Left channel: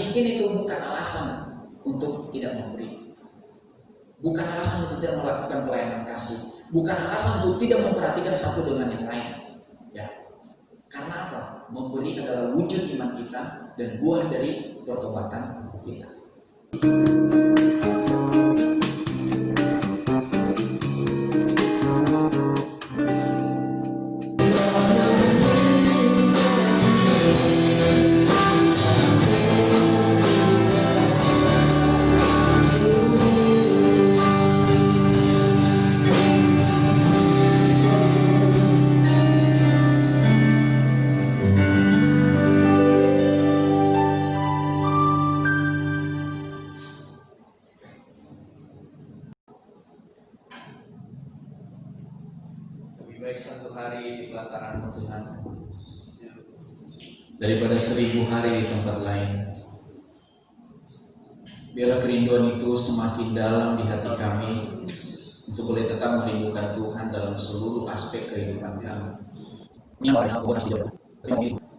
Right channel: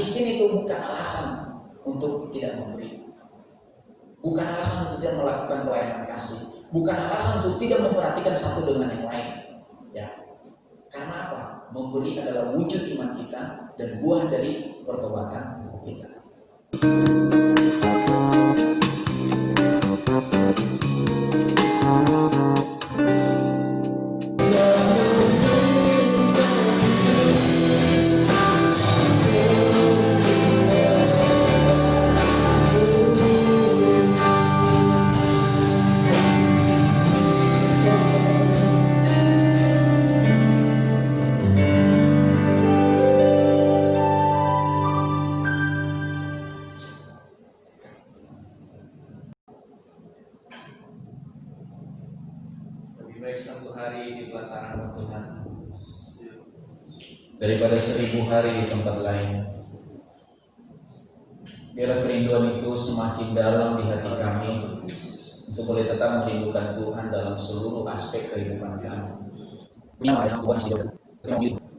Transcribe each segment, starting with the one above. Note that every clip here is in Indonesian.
miskin itu bukan alasan untuk tidak memberi, bukan alasan untuk tidak melakukan pelayanan kasih, bukan alasan untuk tidak memperhatikan satu dengan yang lain. Ya, karena apa? Memberi adalah wujud iman kita dan buah dari pertobatan kita. Baik satu hari di pelataran Tuhan daripada 1000 hari di tempat lain. Biarlah kerinduan itu semakin dalam di hati kami untuk boleh tetap merindukan Tuhan dalam seluruh aspek kehidupan kami.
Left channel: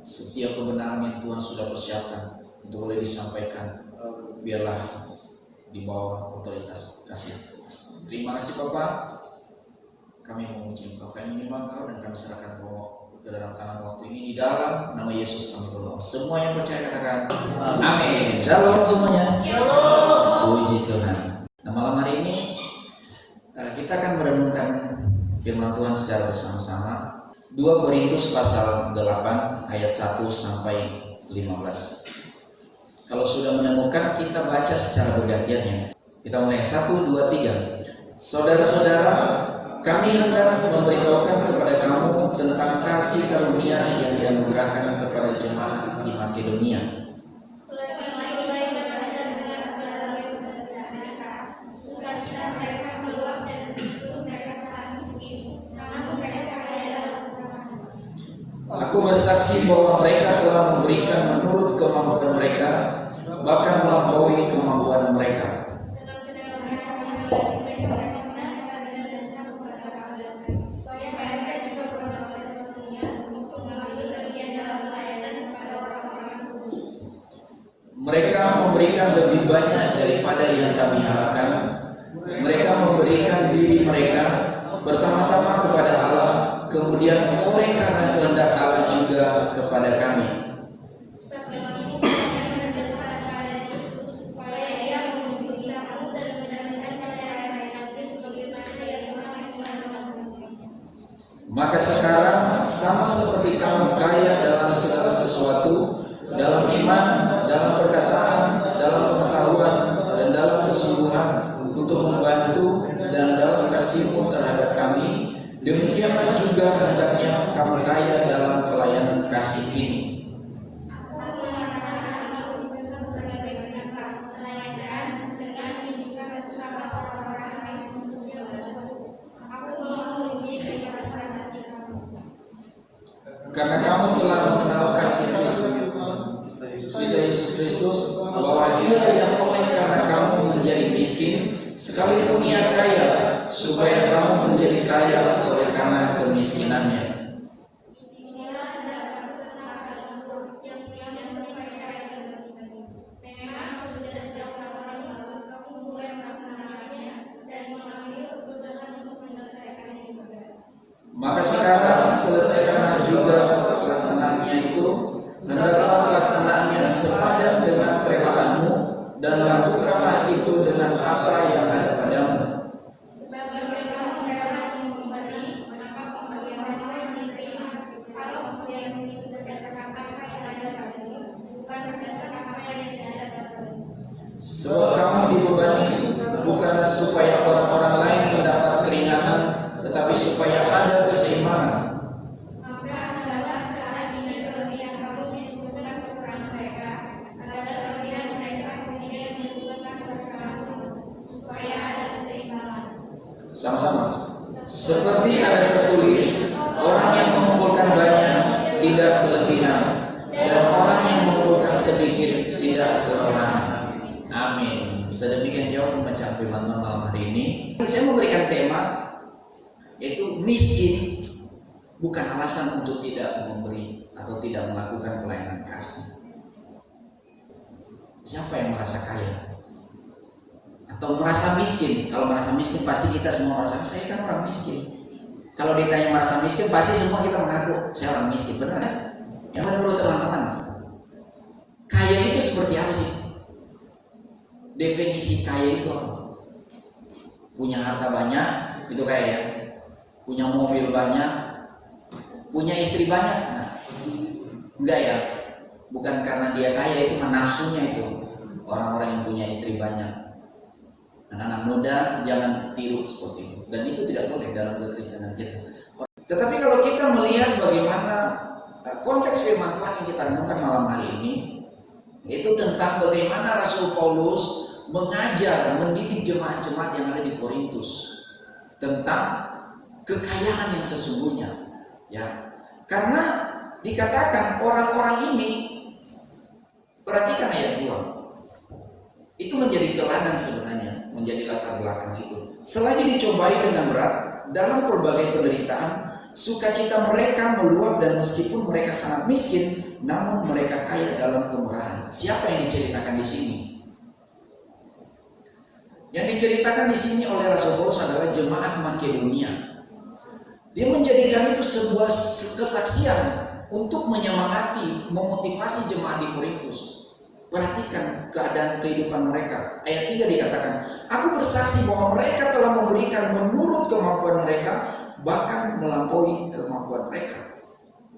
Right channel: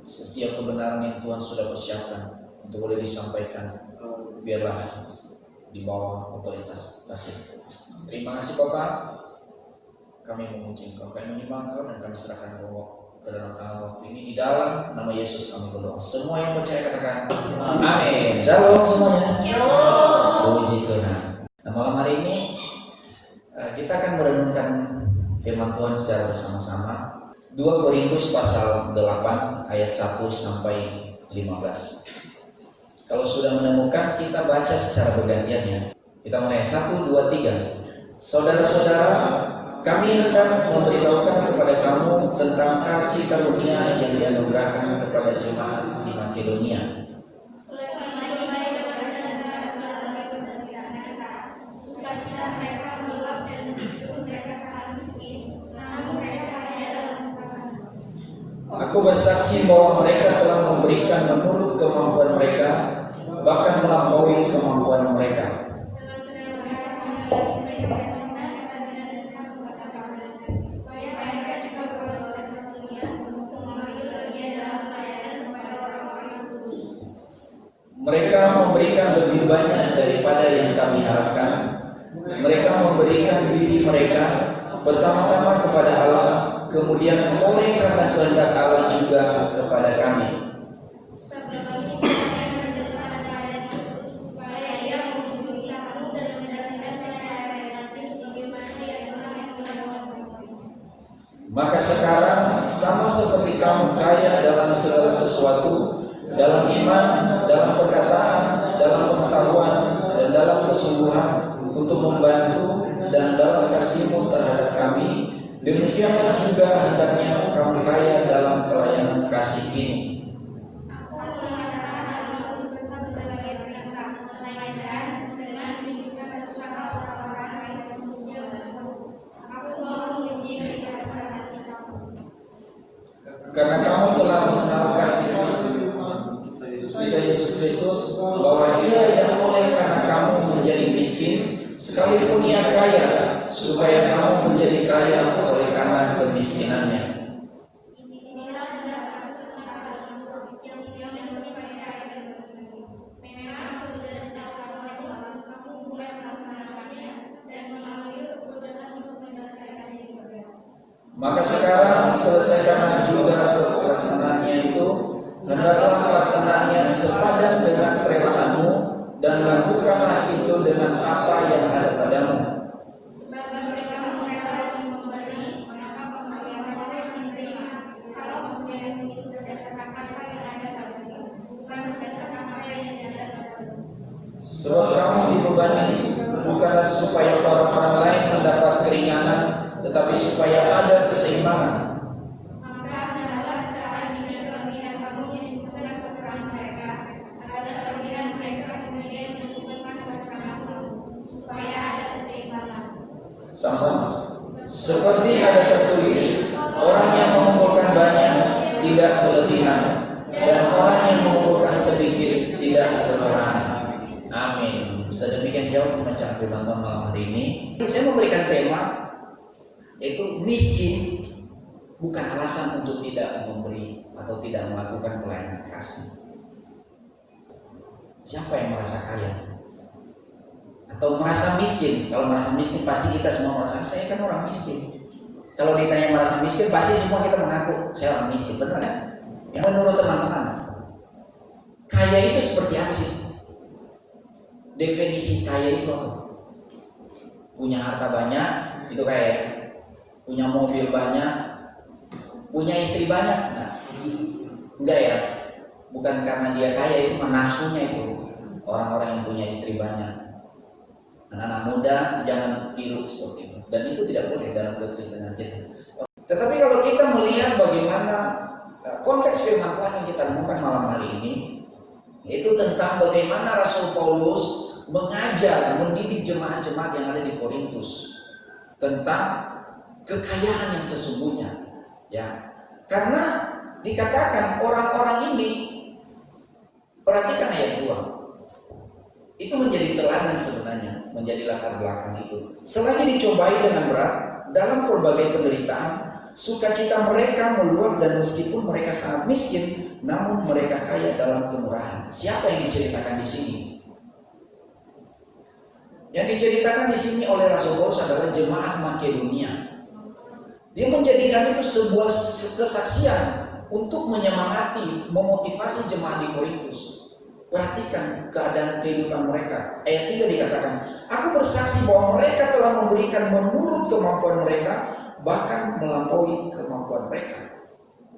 Setiap kebenaran yang Tuhan sudah persiapkan untuk boleh disampaikan, biarlah di bawah otoritas kasih Tuhan. Terima kasih Bapak. Kami memuji Engkau, kami menyembah Engkau, dan kami serahkan Engkau ke dalam tangan waktu ini. Di dalam nama Yesus kami berdoa. Semua yang percaya katakan amin. Shalom semuanya. Puji Tuhan. Nah, malam hari ini kita akan merenungkan firman Tuhan secara bersama-sama. 2 Korintus pasal 8 ayat 1 sampai 15. Kalau sudah menemukan, kita baca secara bergantian. Kita mulai 1, 2, 3. Saudara-saudara, kami hendak memberitahukan kepada kamu tentang kasih karunia yang dianugerahkan kepada jemaat di Makedonia. Aku bersaksi bahwa mereka telah memberikan menurut kemampuan mereka, bahkan melampaui kemampuan mereka. Mereka memberikan lebih banyak daripada yang kami harapkan. Mereka memberikan diri mereka pertama-tama kepada Allah, kemudian oleh karena kehendak Allah juga kepada kami. Maka sekarang sama seperti kamu kaya dalam segala sesuatu, dalam iman, dalam perkataan, dalam pengetahuan, dan dalam kesungguhan untuk membantu, dan dalam kasihmu terhadap kami, demikianlah juga hendaknya kamu kaya dalam pelayanan kasih ini. Karena kamu telah mengenal kasih Yesus Kristus, bahwa Dia yang oleh karena kamu menjadi miskin, sekalipun Ia kaya, supaya kamu menjadi kaya oleh karena kemiskinannya. Maka sekarang selesaikanlah juga pelaksanaannya itu, hendaklah pelaksanaannya sepadan dengan kerelaanmu, dan lakukanlah itu dengan apa yang ada padamu. Sebab kamu dibebani bukanlah supaya orang-orang lain mendapat keringanan, tetapi supaya ada keseimbangan. Sama-sama. Seperti ada tertulis, orang yang mengumpulkan banyak tidak kelebihan, dan orang yang mengumpulkan sedikit tidak kekurangan. Amin. Sedemikian jauh pembacaan firman Tuhan malam hari ini. Saya memberikan tema yaitu miskin bukan alasan untuk tidak memberi atau tidak melakukan pelayanan kasih. Siapa yang merasa kaya? Atau merasa miskin? Kalau merasa miskin pasti kita semua merasa, saya kan orang miskin. Kalau ditanya merasa miskin, pasti semua kita mengaku saya orang miskin, benar kan? Yang menurut teman-teman, kaya itu seperti apa sih? Definisi kaya itu apa? Punya harta banyak, itu kaya ya? Punya mobil banyak, punya istri banyak? Enggak ya? Bukan karena dia kaya, itu nafsunya itu. Orang-orang yang punya istri banyak. Anak-anak muda jangan tiru seperti itu. Dan itu tidak boleh dalam kekristenan kita. Tetapi kalau kita melihat bagaimana konteks firman Tuhan yang kita renungkan malam hari ini, itu tentang bagaimana Rasul Paulus mengajar, mendidik jemaat-jemaat yang ada di Korintus tentang kekayaan yang sesungguhnya, ya. Karena dikatakan orang-orang ini, perhatikan ayat 2. Itu menjadi teladan sebenarnya, menjadi latar belakang itu. Selagi dicobai dengan berat dalam berbagai penderitaan, sukacita mereka meluap, dan meskipun mereka sangat miskin, namun mereka kaya dalam kemurahan. Siapa yang diceritakan di sini? Yang diceritakan di sini oleh Rasul Paulus adalah jemaat Makedonia. Dia menjadikan itu sebuah kesaksian untuk menyemangati, memotivasi jemaat di Korintus. Perhatikan keadaan kehidupan mereka. Ayat 3 dikatakan, aku bersaksi bahwa mereka telah memberikan menurut kemampuan mereka, bahkan melampaui kemampuan mereka.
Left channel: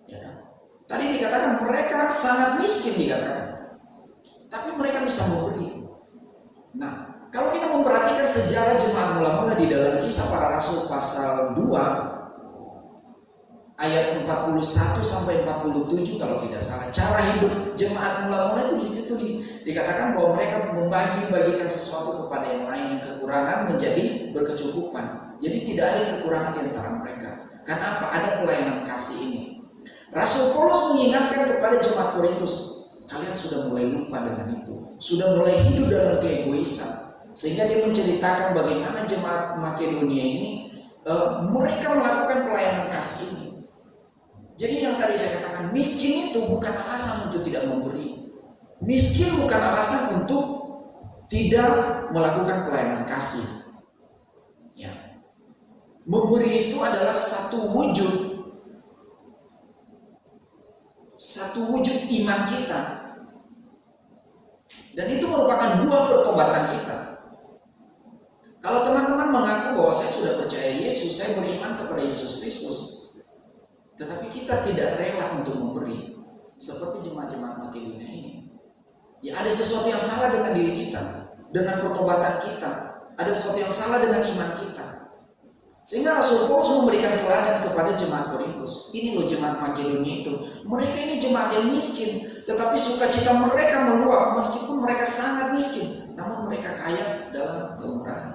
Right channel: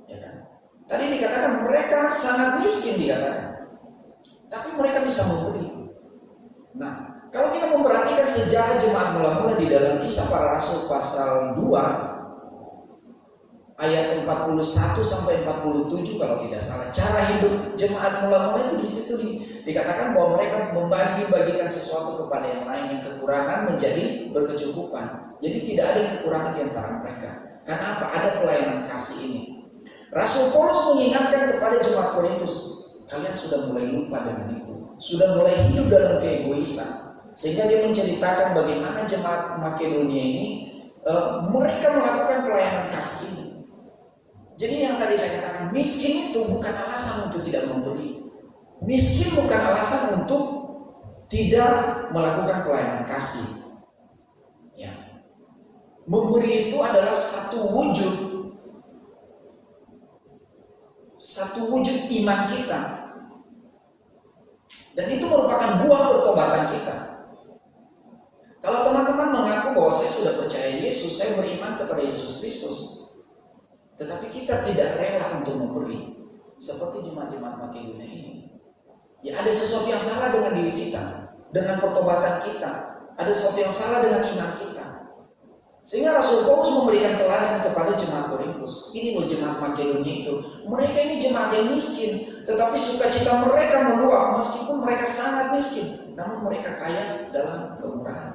Ya kan? Tadi dikatakan mereka sangat miskin dikatakan, tapi mereka bisa memberi. Nah, kalau kita memperhatikan sejarah jemaat mula-mula di dalam Kisah Para Rasul pasal 2 ayat 41 sampai 47 kalau tidak salah, cara hidup jemaat mula-mula itu di situ dikatakan bahwa mereka membagi-bagikan sesuatu kepada yang lain, yang kekurangan menjadi berkecukupan. Jadi tidak ada kekurangan di antara mereka. Karena apa? Ada pelayanan kasih ini. Rasul Paulus mengingatkan kepada jemaat Korintus, kalian sudah mulai lupa dengan itu, sudah mulai hidup dalam keegoisan. Sehingga dia menceritakan bagaimana jemaat Makedonia ini mereka melakukan pelayanan kasih ini. Jadi yang tadi saya katakan, miskin itu bukan alasan untuk tidak memberi. Miskin bukan alasan untuk tidak melakukan pelayanan kasih. Ya. Memberi itu adalah satu wujud iman kita. Dan itu merupakan buah pertobatan kita. Kalau teman-teman mengaku bahwa saya sudah percaya Yesus, saya beriman kepada Yesus Kristus, tetapi kita tidak rela untuk memberi, seperti jemaat-jemaat Makedonia ini, ya ada sesuatu yang salah dengan diri kita, dengan pertobatan kita, ada sesuatu yang salah dengan iman kita. Sehingga Rasul Paulus memberikan teladan kepada jemaat Korintus. Ini loh jemaat Makedonia itu, mereka ini jemaat yang miskin, tetapi sukacita mereka meluap meskipun mereka sangat miskin, namun mereka kaya dalam kemurahan.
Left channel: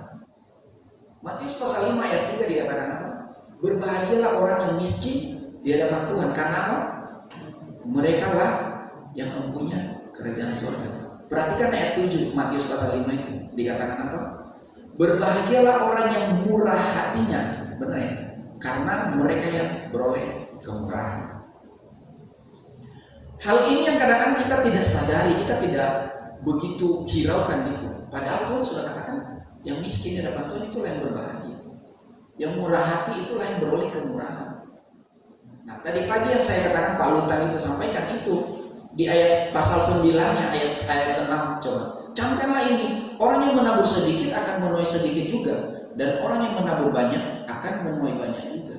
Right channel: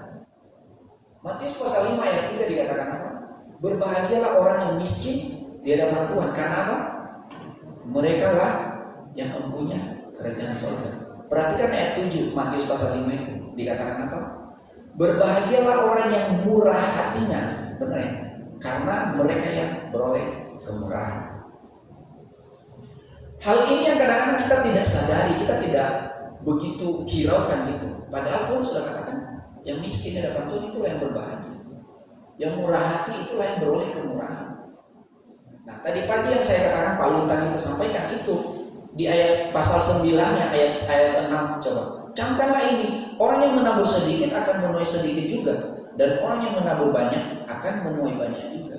Matius pasal 5 ayat 3 dikatakan apa? Berbahagialah orang yang miskin di hadapan Tuhan, karena apa? Mereka lah yang mempunyai kerajaan surga. Perhatikan ayat 7 Matius pasal 5 itu dikatakan apa? Berbahagialah orang yang murah hatinya, benar ya? Karena mereka yang beroleh kemurahan. Hal ini yang kadang-kadang kita tidak sadari, kita tidak begitu hiraukan itu. Padahal Tuhan sudah katakan, yang miskin di hadapan Tuhan itulah yang berbahagia. Yang murah hati itulah yang beroleh kemurahan. Nah, tadi pagi yang saya katakan palutan itu sampaikan itu di ayat pasal 9-nya ayat 6, coba. Camkanlah ini, orang yang menabur sedikit akan menuai sedikit juga, dan orang yang menabur banyak akan menuai banyak juga.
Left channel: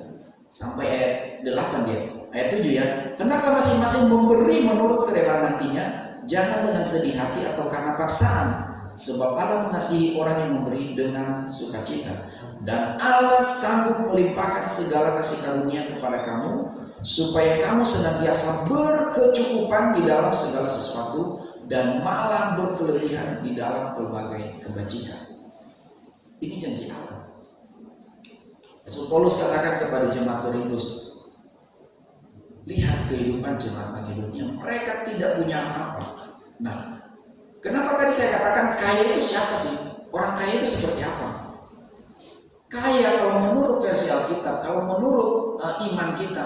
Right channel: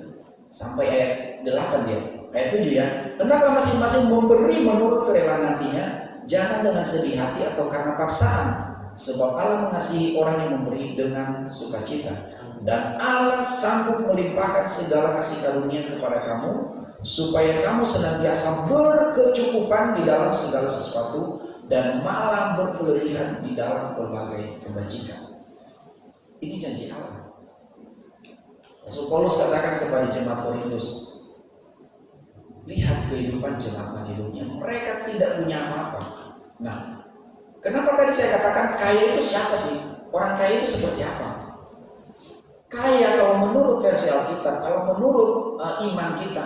Sampai ayat 8 dia. Ayat 7 ya. Hendaklah masing-masing memberi menurut kerelaan nantinya, jangan dengan sedih hati atau karena paksaan, sebab Allah mengasihi orang yang memberi dengan sukacita. Dan Allah sanggup melimpahkan segala kasih karunia kepada kamu, supaya kamu senantiasa berkecukupan di dalam segala sesuatu, dan malah berkelebihan di dalam berbagai kebajikan. Ini janji Allah. Rasul Paulus katakan kepada jemaat Korintus, lihat kehidupan jemaat Makedonia, mereka tidak punya apa-apa. Nah, kenapa tadi saya katakan kaya itu siapa sih? Orang kaya itu seperti apa? Kaya kalau menurut versi Alkitab, kalau menurut iman kita,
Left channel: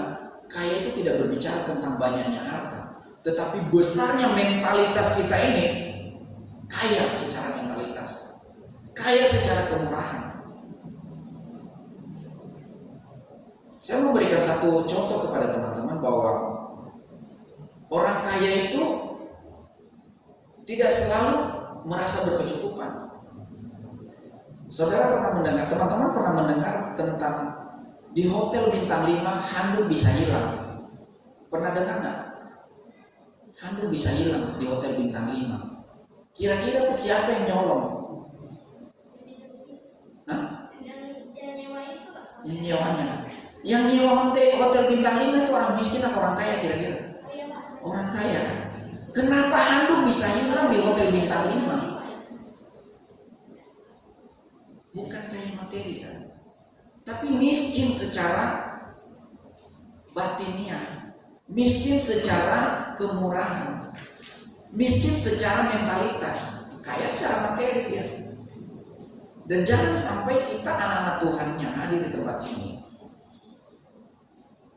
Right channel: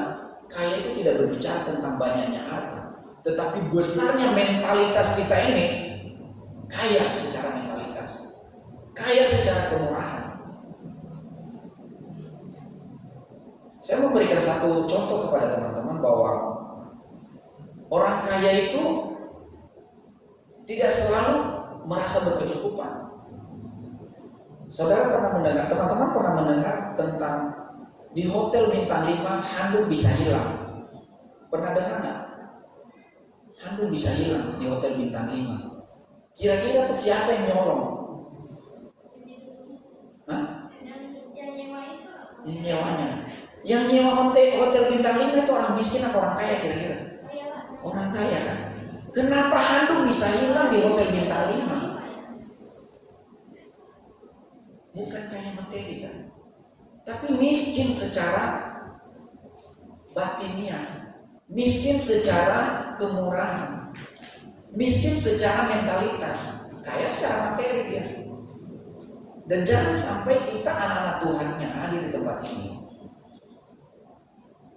kaya itu tidak berbicara tentang banyaknya harta, tetapi besarnya mentalitas kita ini kaya secara mentalitas, kaya secara kemurahan. Saya mau memberikan satu contoh kepada teman-teman bahwa orang kaya itu tidak selalu merasa berkecukupan. Saudara pernah mendengar, teman-teman pernah mendengar tentang di hotel bintang 5 handuk bisa hilang? Pernah dengar nggak? Handuk bisa hilang di hotel bintang 5. Kira-kira siapa yang nyolong? Hah? Yang nyewanya. Yang nyewa hotel bintang 5 itu orang miskin atau orang kaya kira-kira? Orang kaya kan? Kenapa handuk bisa hilang di hotel bintang 5? Bukan kaya materi kan? Tapi miskin secara batiniah, miskin secara kemurahan, miskin secara mentalitas, kaya secara materi ya. Dan jangan sampai kita anak-anak Tuhan yang hadir di tempat ini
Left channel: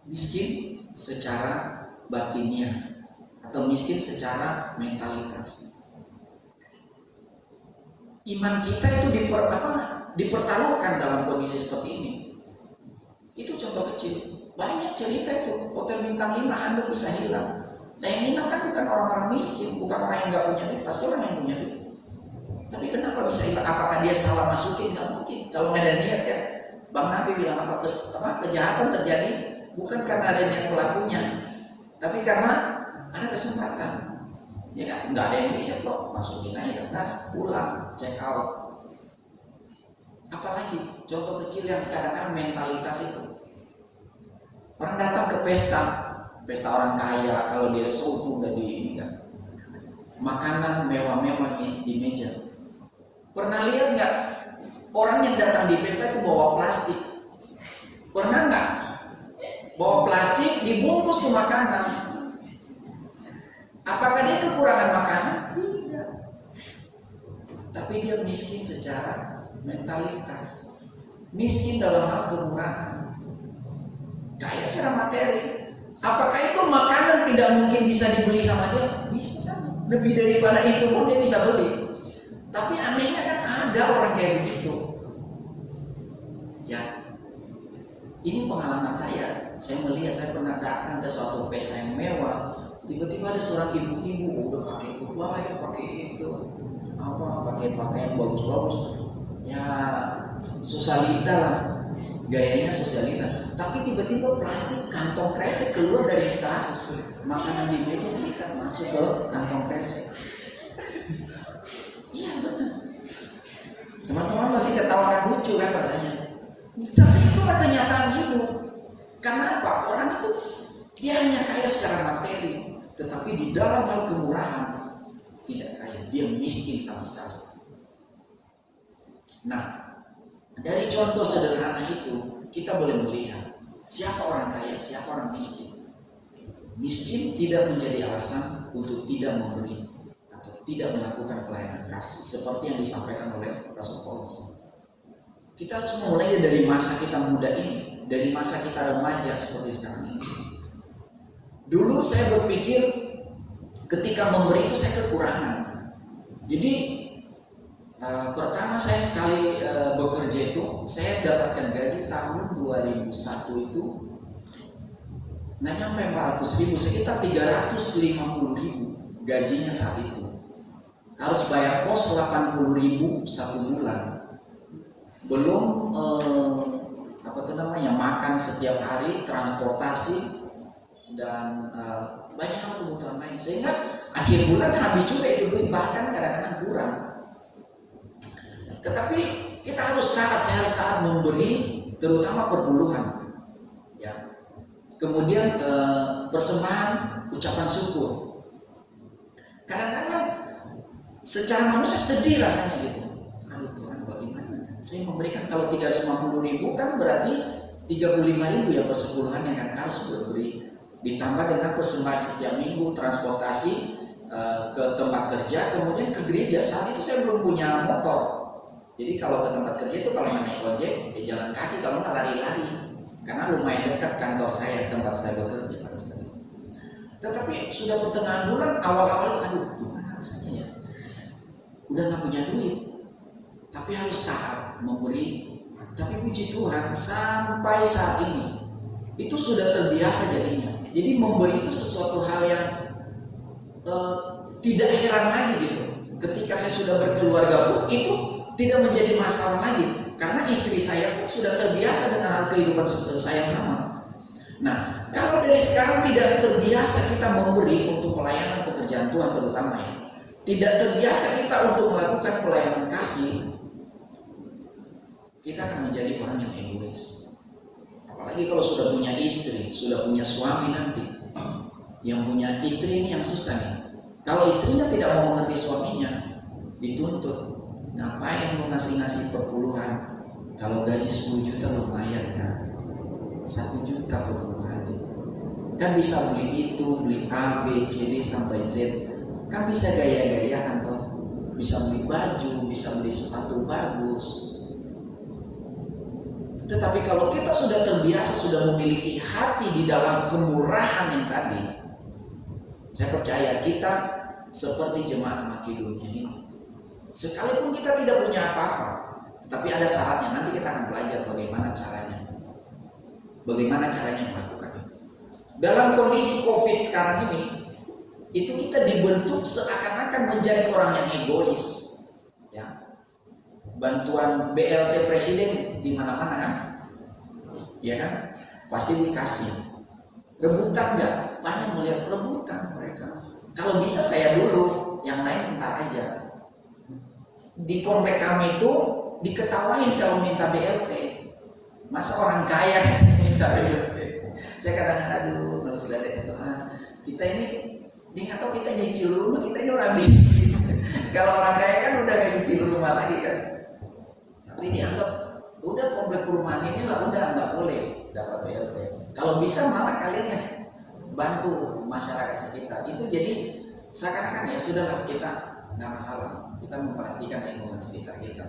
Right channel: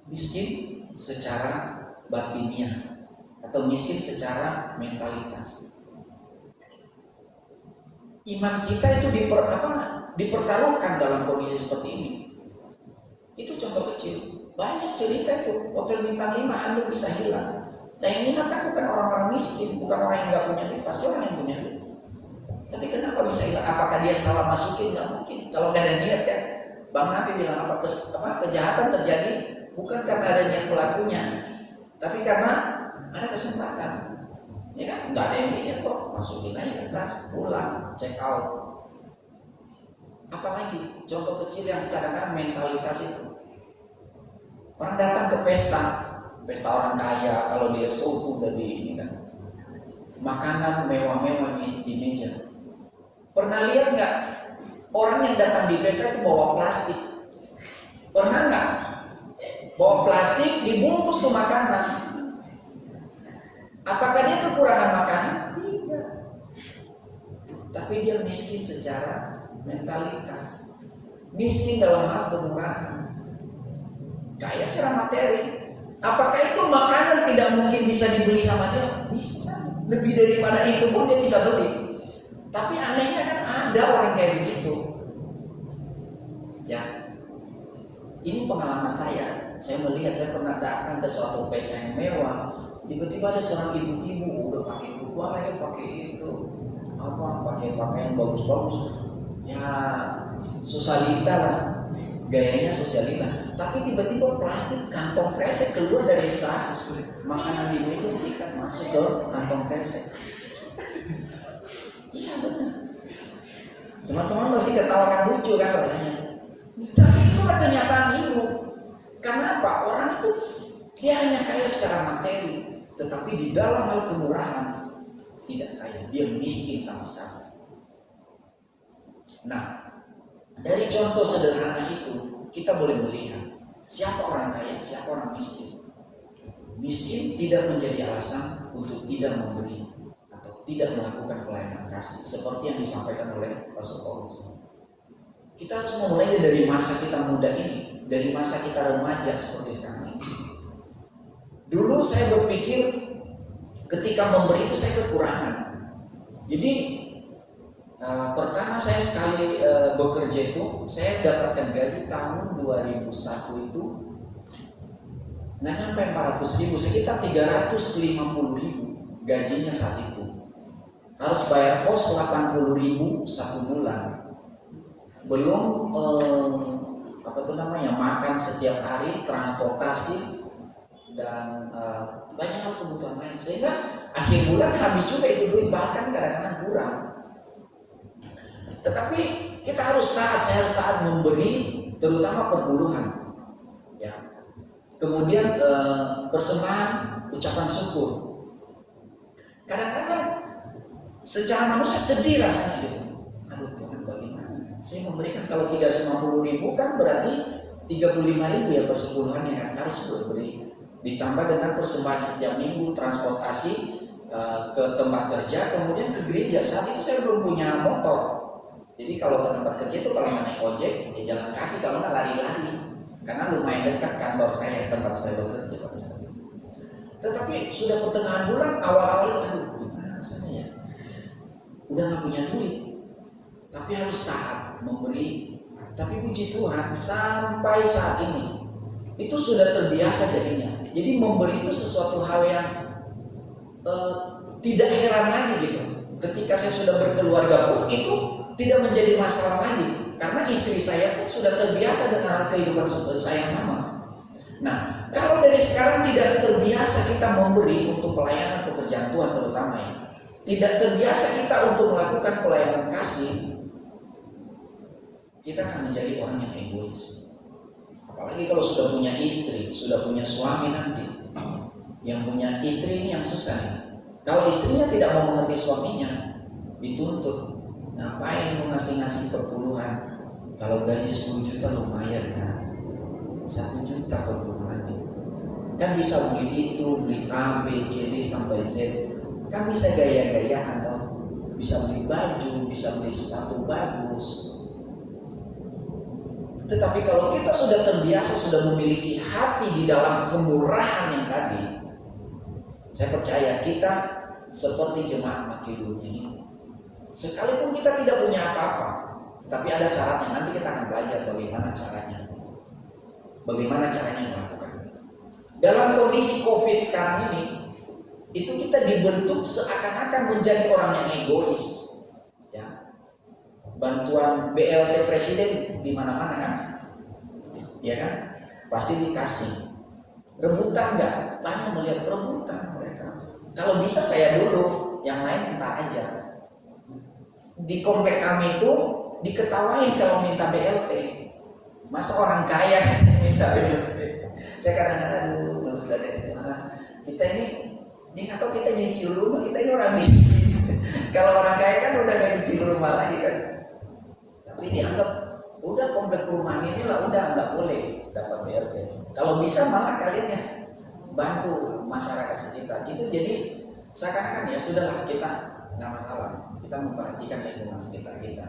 miskin secara batiniah atau miskin secara mentalitas. Iman kita itu dipertaruhkan dalam kondisi seperti ini. Itu contoh kecil. Banyak cerita itu hotel bintang 5 handuk bisa hilang. Nah yang nginap kan bukan orang-orang miskin, bukan orang yang nggak punya duit, pasti orang yang punya duit. Tapi kenapa bisa hilang? Apakah dia salah masukin? Nggak mungkin. Kalau nggak ada niat kan, Bang Nabi bilang apa? Kejahatan terjadi bukan karena ada niat pelakunya, tapi karena ada kesempatan. Ya kan? Nggak ada yang lihat kok, masukin aja ke tas, pulang, check out. Apalagi contoh kecil yang kadang-kadang mentalitas itu. Orang datang ke pesta orang kaya, kalau di restoran udah di ini kan, makanan mewah-mewah di meja. Pernah lihat nggak orang yang datang di pesta itu bawa plastik? Pernah nggak? Bawa plastik dibungkus tuh makanan. Apakah dia kekurangan makanan? Tidak. Tapi dia miskin secara mentalitas, miskin dalam hal kemurahan, kaya secara materi. Apakah itu makanan tidak mungkin bisa dibeli sama dia? Bisa. Lebih daripada itu pun dia bisa beli. Tapi anehnya kan ada orang kayak begitu. Ya, ini pengalaman saya. Saya melihat, saya pernah datang ke suatu pesta yang mewah. Tiba-tiba ada seorang ibu-ibu udah pakai kebaya, pakai itu, pakai pakaian bagus-bagus. Ya, sosialita lah, gayanya sosialita. Tapi tiba-tiba plastik kantong kresek keluar dari tas. Makanan di meja sikat masuk ke kantong kresek. Iya benar. Teman-teman masih ketawakan lucu kan rasanya. Tapi itulah kenyataan hidup. Kenapa? Orang itu dia hanya kaya secara materi, tetapi di dalam hal kemurahan tidak kaya. Dia miskin sama sekali. Nah, dari contoh sederhana itu kita boleh melihat siapa orang kaya, siapa orang miskin. Miskin tidak menjadi alasan untuk tidak memberi atau tidak melakukan pelayanan kasih seperti yang disampaikan oleh Rasul Paulus. Kita harus memulainya dari masa kita muda ini, dari masa kita remaja seperti sekarang ini. Dulu saya berpikir ketika memberi itu saya kekurangan. Jadi pertama saya sekali bekerja itu saya dapatkan gaji tahun 2001 itu nggak nyampe 400.000, sekitar 350.000 gajinya saat itu. Harus bayar kos 80.000 satu bulan, belum makan setiap hari, transportasi dan banyak hal kebutuhan lain, sehingga akhir bulan habis juga itu duit, bahkan kadang-kadang kurang. Tetapi kita harus taat, saya harus taat memberi, terutama perpuluhan, ya. Kemudian persembahan, ucapan syukur. Kadang-kadang secara manusia sedih rasanya gitu. Aduh Tuhan, bagaimana? Saya memberikan kalau 350.000 kan berarti 35.000 ya persepuluhan yang akan harus beri. Ditambah dengan persembahan setiap minggu, transportasi ke tempat kerja, kemudian ke gereja. Saat itu saya belum punya motor. Jadi kalau ke tempat kerja itu kalau nggak naik ojek, ya jalan kaki, kalau nggak lari-lari. Karena lumayan dekat kantor saya, tempat saya bekerja pada saat itu. Tetapi sudah pertengahan bulan, awal-awal itu, aduh gimana rasanya ya. udah nggak punya duit, tapi harus taat memberi. Tapi puji Tuhan sampai saat ini itu sudah terbiasa jadinya. Jadi memberi itu sesuatu hal yang tidak heran lagi gitu. Ketika saya sudah berkeluarga pun itu tidak menjadi masalah lagi, karena istri saya pun sudah terbiasa dengan kehidupan saya sama. Nah, kalau dari sekarang tidak terbiasa kita memberi untuk pelayanan pekerjaan Tuhan terutama ya, tidak terbiasa kita untuk melakukan pelayanan kasih, kita akan menjadi orang yang egois. Apalagi kalau sudah punya istri, sudah punya suami nanti. Yang punya istri ini yang susah nih. Kalau istrinya tidak mau mengerti suaminya, dituntut. Ngapain lu ngasih-ngasih perpuluhan? Kalau gaji 10 juta lumayan kan? 1 juta perpuluhan nih. Kan bisa beli itu, beli A, B, C, D sampai Z. Kan bisa gaya-gayaan toh. Bisa beli baju, bisa beli sepatu bagus. Tetapi kalau kita sudah terbiasa, sudah memiliki hati di dalam kemurahan yang tadi, saya percaya kita seperti jemaat Makedonia ini. Sekalipun kita tidak punya apa-apa, tetapi ada syaratnya. Nanti kita akan belajar bagaimana caranya. Bagaimana caranya melakukan itu. Dalam kondisi COVID sekarang ini, itu kita dibentuk seakan-akan menjadi orang yang egois. Ya. Bantuan BLT presiden di mana-mana kan? Ya kan? Pasti dikasih. Rebutan enggak? Banyak melihat rebutan mereka. Kalau bisa saya dulu, yang lain entar aja. Di komplek kami itu diketawain kalau minta BLT. Masa orang kaya minta BLT? Saya kadang-kadang aduh, sudah ada Tuhan. Kita ini dia tahu kita nyicil rumah, kita ini orang miskin. Kalau orang kaya kan udah nggak nyicil rumah lagi kan. Tapi dianggap udah komplek perumahan inilah udah nggak boleh dapat BLT. Kalau bisa malah kalian ya bantu masyarakat sekitar. Itu jadi seakan-akan ya sudahlah kita nggak masalah. Kita memperhatikan lingkungan sekitar kita.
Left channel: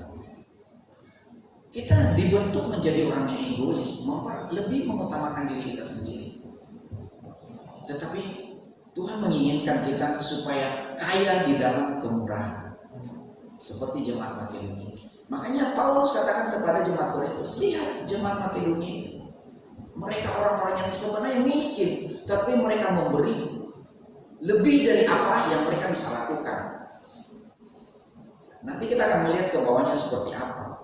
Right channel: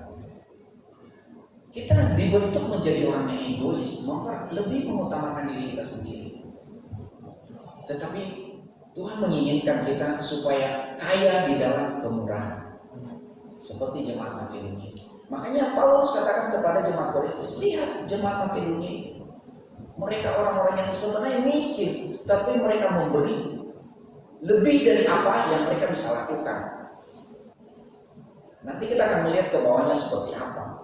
Kita dibentuk menjadi orang yang egois, lebih mengutamakan diri kita sendiri. Tetapi Tuhan menginginkan kita supaya kaya di dalam kemurahan, seperti jemaat Makedonia. Makanya Paulus katakan kepada jemaat Korintus, lihat jemaat Makedonia itu, mereka orang-orang yang sebenarnya miskin, tapi mereka memberi lebih dari apa yang mereka bisa lakukan. Nanti kita akan melihat ke bawahnya seperti apa.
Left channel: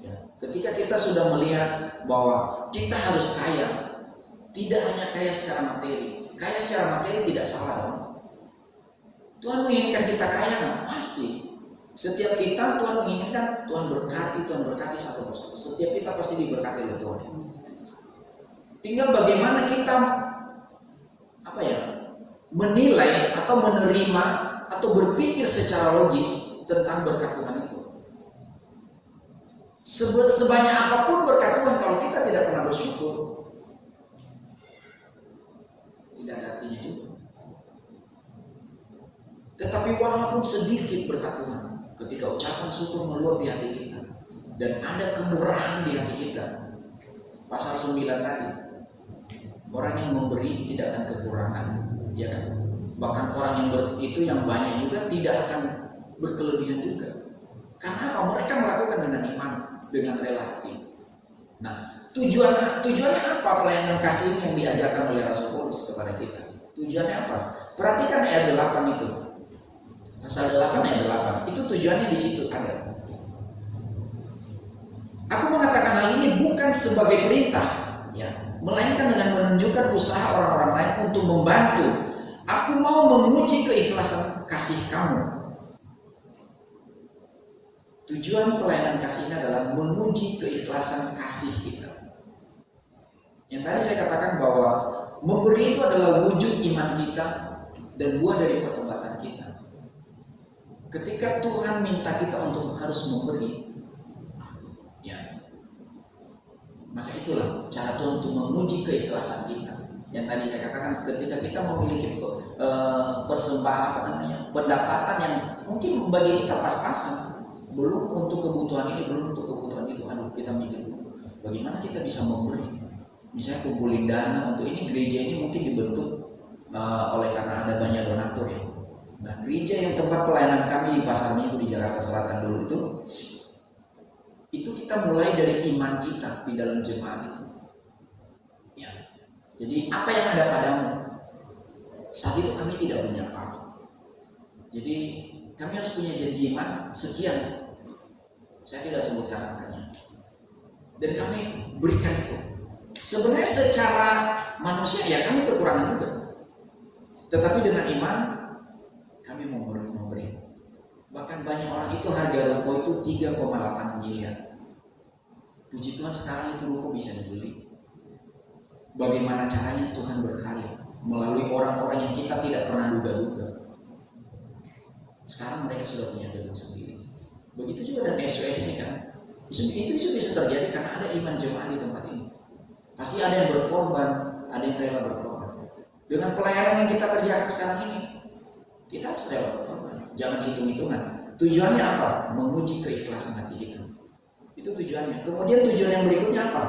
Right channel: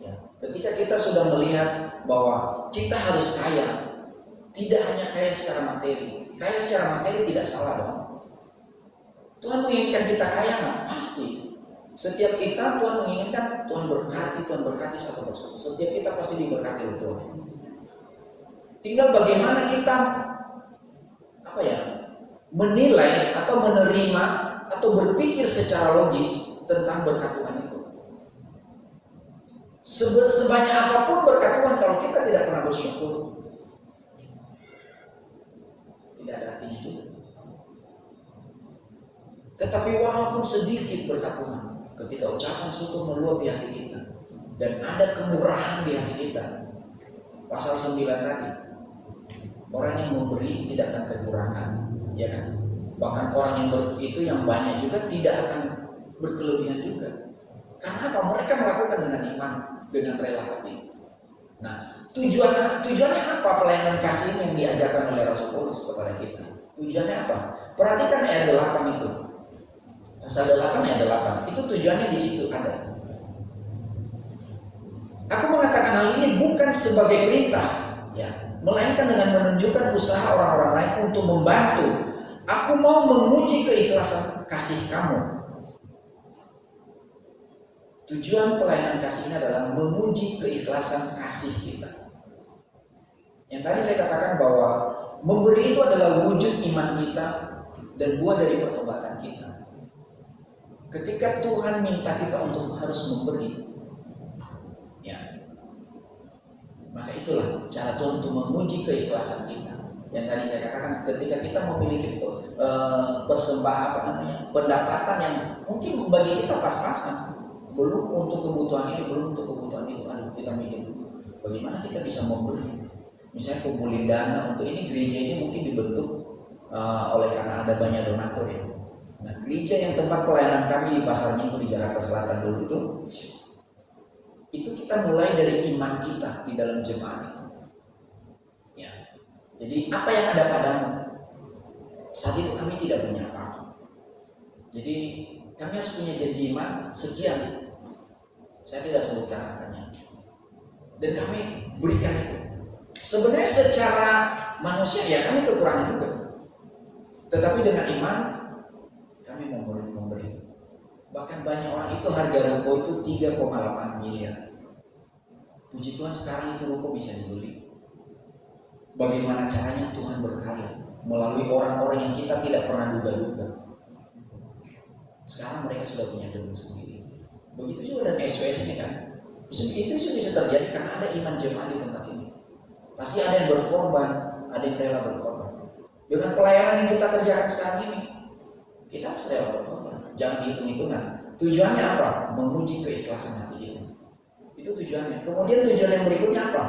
Ya, ketika kita sudah melihat bahwa kita harus kaya, tidak hanya kaya secara materi. Kaya secara materi tidak salah dong. Tuhan menginginkan kita kaya nggak? Pasti. Setiap kita Tuhan menginginkan Tuhan berkati satu persatu. Setiap kita pasti diberkati oleh Tuhan. Tinggal bagaimana kita menilai atau menerima atau berpikir secara logis tentang berkat Tuhan itu. Sebanyak apapun berkat Tuhan, kalau kita tidak pernah bersyukur, tidak ada artinya juga. Tetapi walaupun sedikit berkat Tuhan, ketika ucapan syukur meluap di hati kita dan ada kemurahan di hati kita, pasal 9 tadi, orang yang memberi tidak akan kekurangan, ya kan? Bahkan orang yang itu yang banyak juga tidak akan berkelebihan juga. Karena apa? Mereka melakukan dengan iman, dengan rela hati. Nah, tujuannya apa pelayanan kasih yang diajarkan oleh Rasul Paulus kepada kita? Tujuannya apa? Perhatikan ayat 8 itu. Pasal 8 ayat 8. Itu tujuannya di situ ada. Aku mengatakan hal ini bukan sebagai perintah, ya, melainkan dengan menunjukkan usaha orang-orang lain untuk membantu. Aku mau memuji keikhlasan kasih kamu. Tujuan pelayanan kasih ini adalah memuji keikhlasan kasih kita. Yang tadi saya katakan bahwa memberi itu adalah wujud iman kita dan buah dari pertobatan kita. Ketika Tuhan minta kita untuk harus memberi, ya, maka itulah cara Tuhan untuk memuji keikhlasan kita. Yang tadi saya katakan, ketika kita memiliki persembahan pendapatan yang mungkin bagi kita pas-pasan, belum untuk kebutuhan ini, belum untuk kebutuhan itu, kita mikir dulu bagaimana kita bisa memberi. Misalnya kumpulin dana untuk ini, gereja ini mungkin dibentuk oleh karena ada banyak donatur ya. Nah, gereja yang tempat pelayanan kami di pasarnya itu di Jakarta Jakarta Selatan dulu itu kita mulai dari iman kita di dalam jemaat itu. Ya. Jadi apa yang ada padamu? Saat itu kami tidak punya apa-apa. Jadi kami harus punya janji iman sekian. Saya tidak sebutkan angkanya. Dan kami berikan itu. Sebenarnya secara manusia ya kami kekurangan juga. Tetapi dengan iman kami memberi. Bahkan banyak orang itu harga ruko itu 3,8 miliar. Puji Tuhan sekarang itu ruko bisa dibeli. Bagaimana caranya Tuhan berkarya melalui orang-orang yang kita tidak pernah duga-duga. Sekarang mereka sudah punya gedung sendiri. Begitu juga dengan SWS ini kan. Itu bisa terjadi karena ada iman jemaat di tempat ini. Pasti ada yang berkorban, ada yang rela berkorban. Dengan pelayanan yang kita kerjakan sekarang ini, kita harus rela berkorban. Jangan hitung-hitungan. Tujuannya apa? Menguji keikhlasan hati kita. Itu tujuannya. Kemudian tujuan yang berikutnya apa?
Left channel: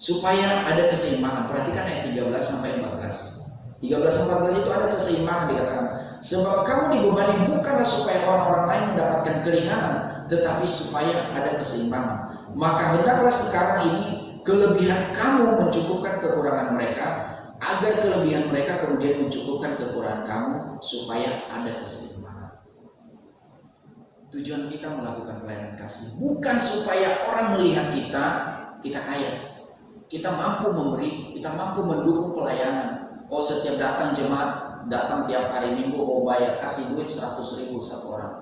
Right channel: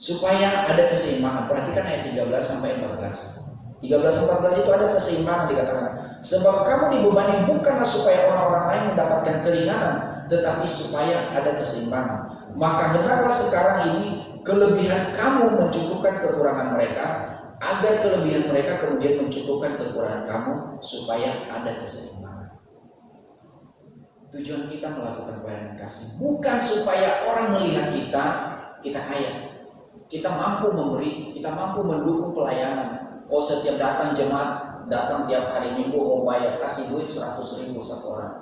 Supaya ada keseimbangan. Perhatikan ayat 13 sampai 14. 13-14 itu ada keseimbangan dikatakan. Sebab kamu dibebani bukanlah supaya orang-orang lain mendapatkan keringanan, tetapi supaya ada keseimbangan. Maka hendaklah sekarang ini kelebihan kamu mencukupkan kekurangan mereka, agar kelebihan mereka kemudian mencukupkan kekurangan kamu, supaya ada keseimbangan. Tujuan kita melakukan pelayanan kasih bukan supaya orang melihat kita kaya, kita mampu memberi, kita mampu mendukung pelayanan. Oh, setiap datang jemaat, datang tiap hari Minggu, oh bayar, kasih duit 100.000 satu orang.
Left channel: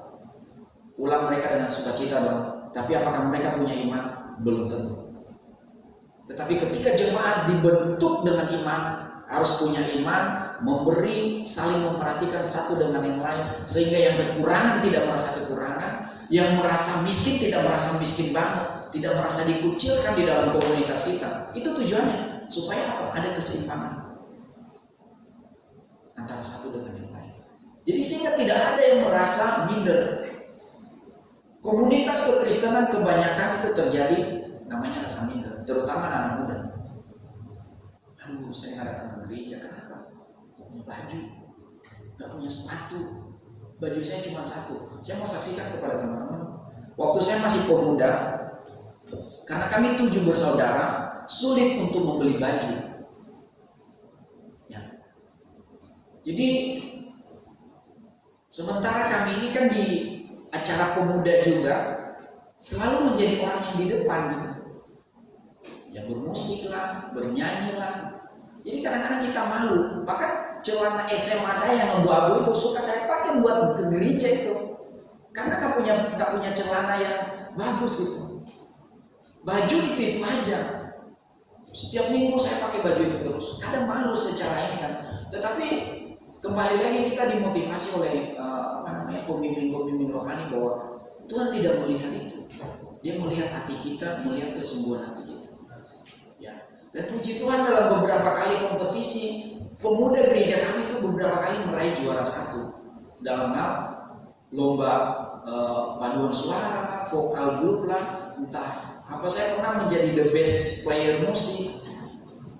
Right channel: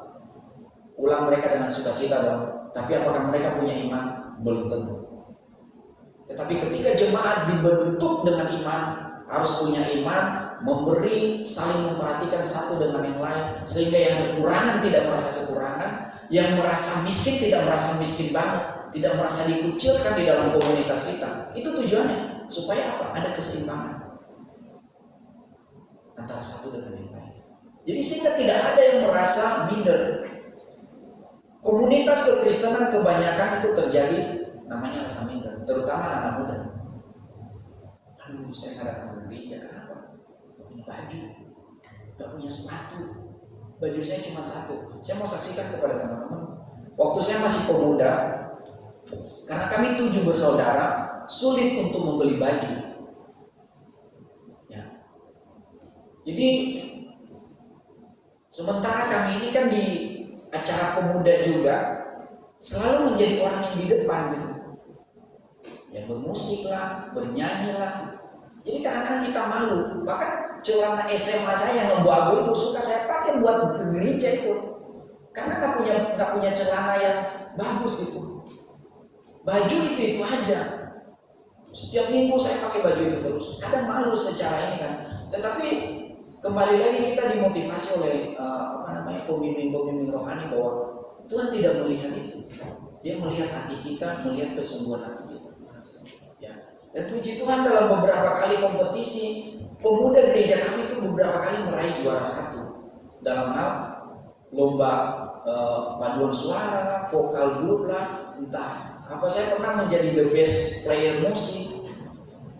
Pulang mereka dengan sukacita dong. Tapi apakah mereka punya iman? Belum tentu. Tetapi ketika jemaat dibentuk dengan iman, harus punya iman, memberi, saling memperhatikan satu dengan yang lain, sehingga yang kekurangan tidak merasa kekurangan, yang merasa miskin tidak merasa miskin banget, tidak merasa dikucilkan di dalam komunitas kita. Itu tujuannya, supaya apa? Ada keseimbangan antara satu dengan yang lain. Jadi sehingga tidak ada yang merasa minder. Komunitas kekristenan kebanyakan itu terjadi namanya rasa minder, terutama anak muda. Aduh, saya nggak datang ke gereja, kenapa? Gak punya baju, gak punya sepatu, baju saya cuma satu. Saya mau saksikan kepada teman-teman, waktu saya masih pemuda, karena kami 7 bersaudara, sulit untuk membeli baju. Jadi sementara kami ini kan di acara pemuda juga selalu menjadi orang yang di depan gitu, yang bermusik lah, bernyanyi lah. Jadi kadang-kadang kita malu. Bahkan celana SMA saya yang abu-abu itu suka saya pakai buat ke gereja itu, karena nggak punya celana yang bagus gitu. Baju itu aja. Setiap minggu saya pakai baju itu terus. Kadang malu secara ini kan. Tetapi kembali lagi kita dimotivasi oleh pembimbing-pembimbing rohani bahwa Tuhan tidak melihat itu. Dia melihat hati kita, melihat kesungguhan hati kita. Ya. Dan puji Tuhan dalam beberapa kali kompetisi pemuda gereja kami itu beberapa kali meraih juara 1 dalam hal lomba paduan suara lah, vokal grup lah, entah apa. Saya pernah menjadi the best player musik.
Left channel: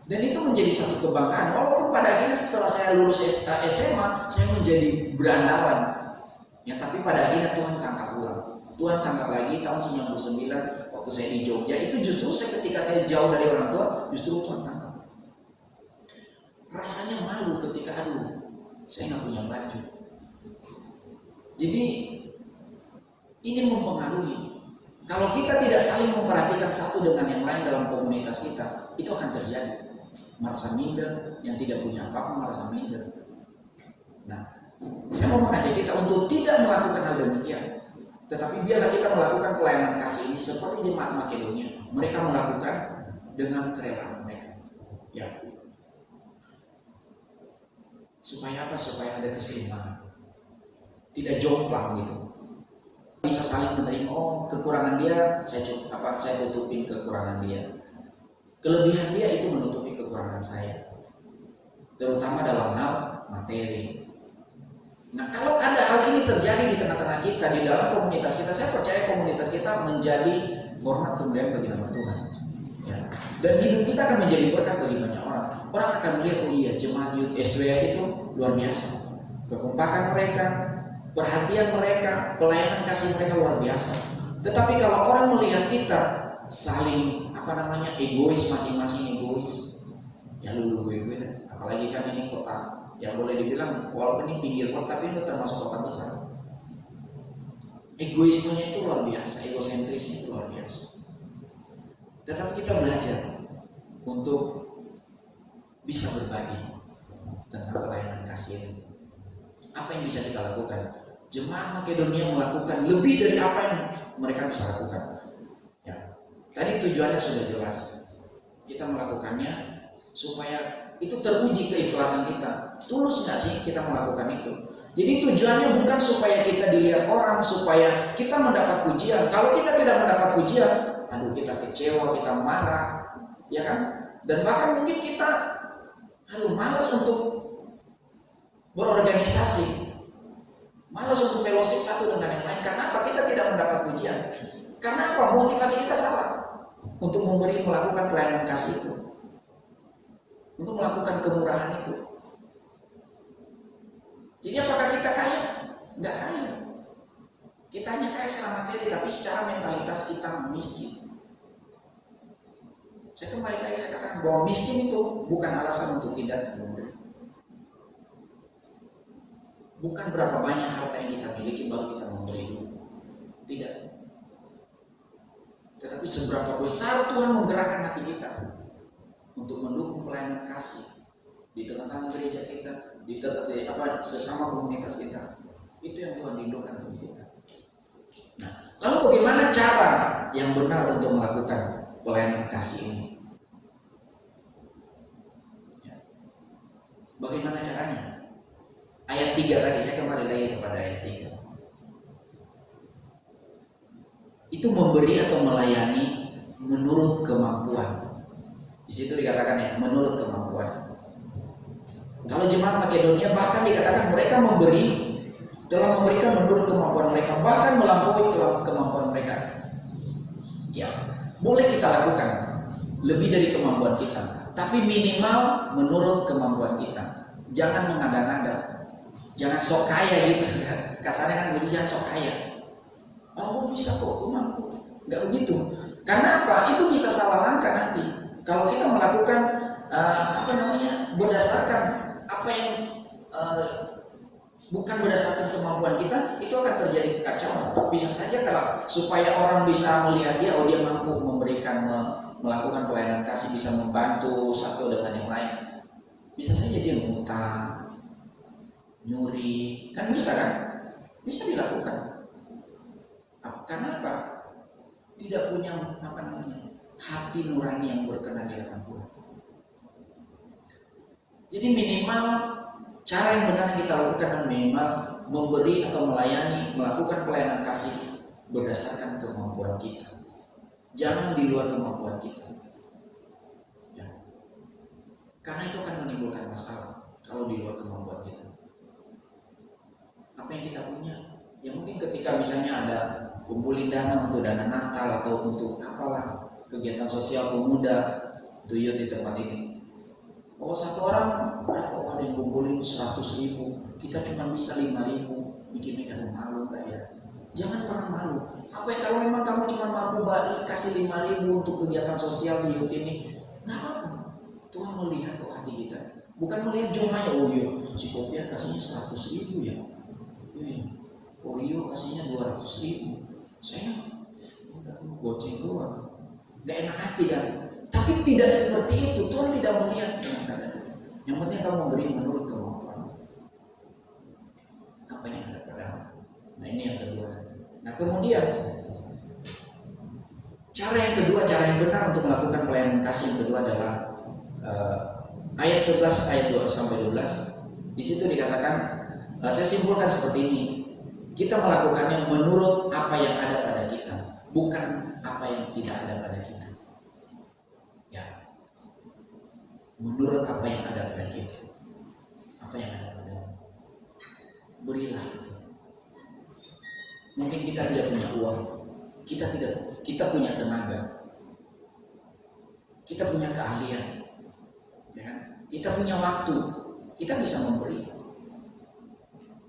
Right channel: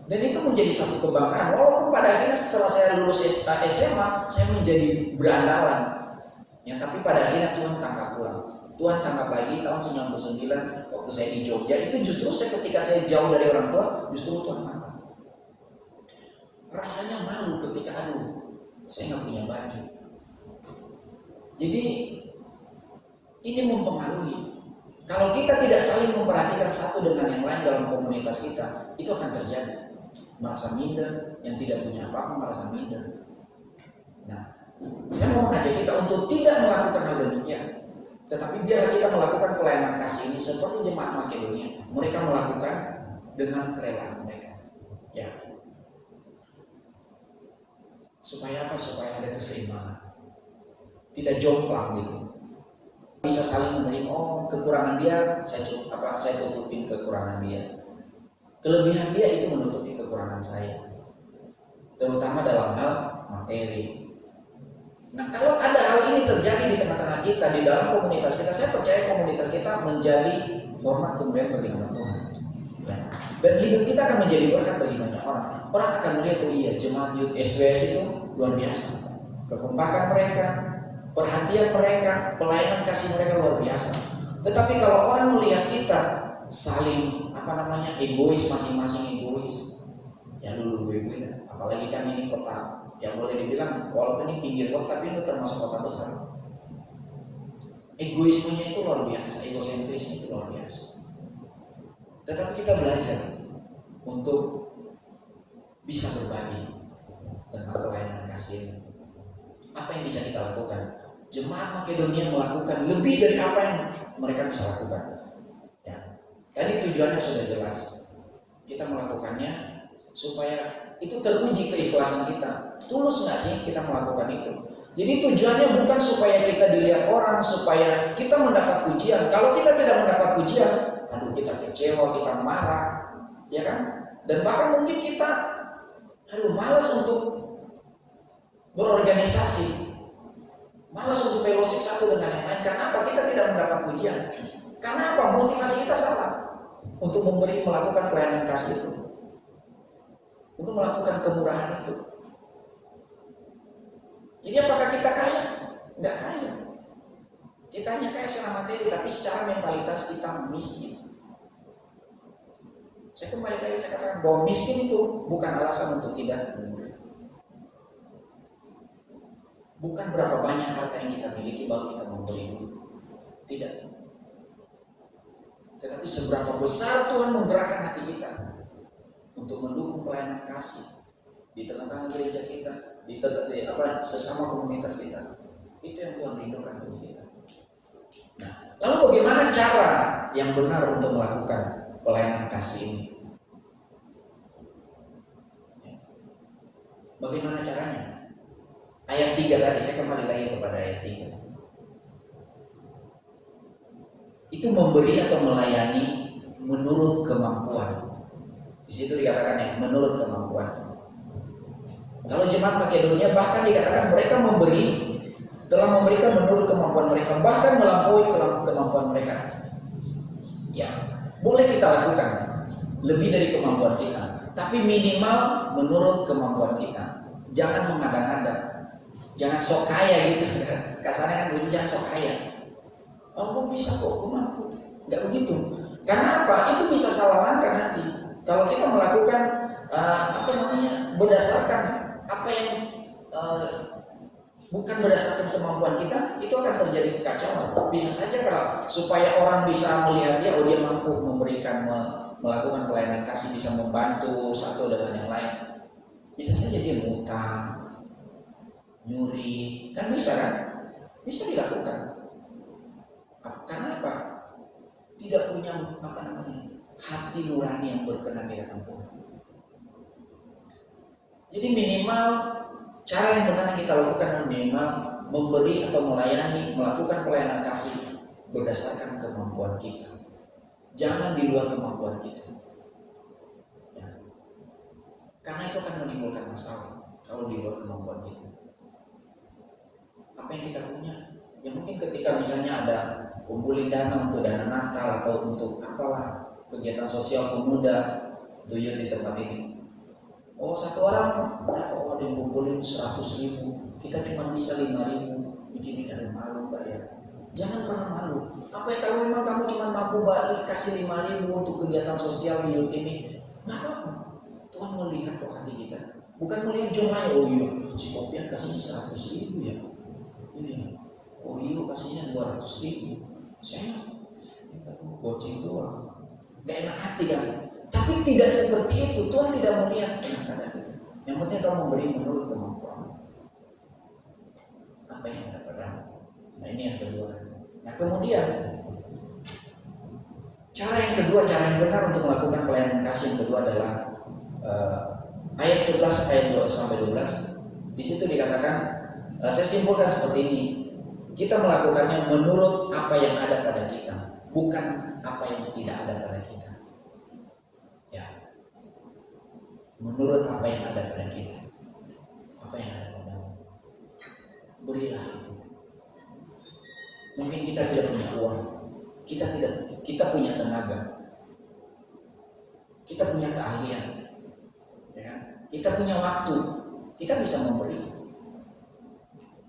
Dan itu menjadi satu kebanggaan. Walaupun pada akhirnya setelah saya lulus SMA, saya menjadi berandalan. Ya, tapi pada akhirnya Tuhan tangkap ulang. Tuhan tangkap lagi tahun 99 waktu saya di Jogja. Itu justru ketika saya jauh dari orang tua, justru Tuhan tangkap. Rasanya malu ketika saya nggak punya baju. Jadi ini mempengaruhi. Kalau kita tidak saling memperhatikan satu dengan yang lain dalam komunitas kita, itu akan terjadi. Merasa minder, yang tidak punya apa-apa merasa minder. Nah, saya mau mengajak kita untuk tidak melakukan hal demikian. Tetapi biarlah kita melakukan pelayanan kasih ini seperti jemaat Makedonia. Mereka melakukan dengan kerelaan mereka. Ya. Supaya apa? Supaya ada keseimbangan. Tidak jomplang gitu. Bisa saling menerima, oh kekurangan dia, saya tutupin kekurangan dia. Kelebihan dia itu menutupi kekurangan saya, terutama dalam hal materi. Nah, kalau ada hal ini terjadi di tengah-tengah kita, di dalam komunitas kita, saya percaya komunitas kita menjadi hormat kemuliaan bagi nama Tuhan. Ya. Dan hidup kita akan menjadi berkat bagi banyak orang. Orang akan melihat, oh iya, jemaat youth SWS itu luar biasa. Kekompakan mereka, perhatian mereka, pelayanan kasih mereka luar biasa. Tetapi kalau orang melihat kita saling egois, masing-masing egois, ya lu gue, apalagi kan ini kota yang boleh dibilang walaupun ini pinggir kota tapi itu termasuk kota besar. Egoismenya itu luar biasa, egosentrisnya itu luar biasa. Tetapi kita belajar untuk bisa berbagi tentang pelayanan kasih. Apa yang bisa kita lakukan? Jemaat Makedonia melakukan lebih dari apa yang mereka bisa lakukan. Ya, tadi tujuannya sudah jelas. Kita melakukannya supaya itu teruji keikhlasan kita. Tulus nggak sih kita melakukan itu? Jadi tujuannya bukan supaya kita dilihat orang, supaya kita mendapat pujian. Kalau kita tidak mendapat pujian, aduh kita kecewa, kita marah, ya kan? Dan bahkan mungkin kita, malas untuk berorganisasi, malas untuk fellowship satu dengan yang lain. Kenapa kita tidak mendapat pujian? Karena apa? Motivasi kita salah untuk melakukan pelayanan kasih itu, untuk melakukan kemurahan itu. Jadi apakah kita kaya? Enggak kaya. Kita hanya kaya secara materi, tapi secara mentalitas kita miskin. Saya kembali lagi saya katakan bahwa miskin itu bukan alasan untuk tidak memberi. Bukan berapa banyak harta yang kita miliki baru kita memberi dulu. Tidak. Tetapi seberapa besar Tuhan menggerakkan hati kita untuk mendukung pelayanan kasih di tengah-tengah gereja kita, di sesama komunitas kita. Itu yang Tuhan rindukan bagi kita. Nah, lalu bagaimana cara yang benar untuk melakukan pelayanan kasih ini? Ya. Bagaimana caranya? Ayat 3 tadi, saya kembali lagi kepada ayat 3. Itu memberi atau melayani menurut kemampuan. Di situ dikatakan ya, menurut kemampuan. Kalau jemaat Makedonia bahkan dikatakan mereka telah memberikan menurut kemampuan mereka, bahkan melampaui kemampuan mereka. Ya, boleh kita lakukan lebih dari kemampuan kita, tapi minimal menurut kemampuan kita. Jangan mengada-ngada, jangan sok kaya gitu. Kasarnya kan bunyi jangan sok kaya. Oh, bisa kok, aku mampu. Enggak begitu. Karena apa? Itu bisa salah langkah nanti. Kalau kita melakukan berdasarkan apa yang bukan berdasarkan kemampuan kita, itu akan terjadi kekacauan. Bisa saja kalau supaya orang bisa melihat dia, oh dia mampu memberikan, melakukan pelayanan kasih, bisa membantu satu dengan yang lain. Bisa saja dia ngutang, nyuri, kan bisa kan? Bisa dilakukan. Karena apa? Tidak punya hati nurani yang berkenan di hadapan Tuhan. Jadi minimal cara yang benar yang kita lakukan adalah minimal memberi atau melayani, melakukan pelayanan kasih berdasarkan kemampuan kita. Jangan di luar kemampuan kita. Ya. Karena itu akan menimbulkan masalah kalau di luar kemampuan kita. Apa yang kita punya? Ya mungkin ketika misalnya ada kumpulin dana untuk dana Natal atau untuk apalah kegiatan sosial pemuda tuyul di tempat ini. Oh satu orang, ada yang kumpulin 100.000, kita cuma bisa 5.000, mikir-mikir malu gak ya? Jangan pernah malu. Apa ya kalau memang kamu cuma mampu kasih 5.000 untuk kegiatan sosial di hidup ini, nggak apa-apa. Tuhan melihat kok hati kita, bukan melihat jumlahnya. Oh iya, si Kopian kasihnya 100.000 ya. Iya, kok Rio kasihnya 200.000. Saya goceng doang. Gak enak hati kan? Tapi tidak seperti itu. Tuhan tidak melihat kadang-kadang itu. Yang penting kamu memberi menurut kemampuan. Apa yang ada padamu. Nah ini yang kedua. Nah kemudian cara yang kedua, cara yang benar untuk melakukan pelayanan kasih yang kedua adalah ayat 11 ayat 2 sampai 12. Di situ dikatakan, saya simpulkan seperti ini. Kita melakukannya menurut apa yang ada pada kita, bukan apa yang tidak ada pada kita. Menurut apa yang ada pada kita, apa yang ada padamu, berilah itu. Mungkin kita tidak punya uang, kita punya tenaga, kita punya keahlian, ya kan? Kita punya waktu, kita bisa memberi.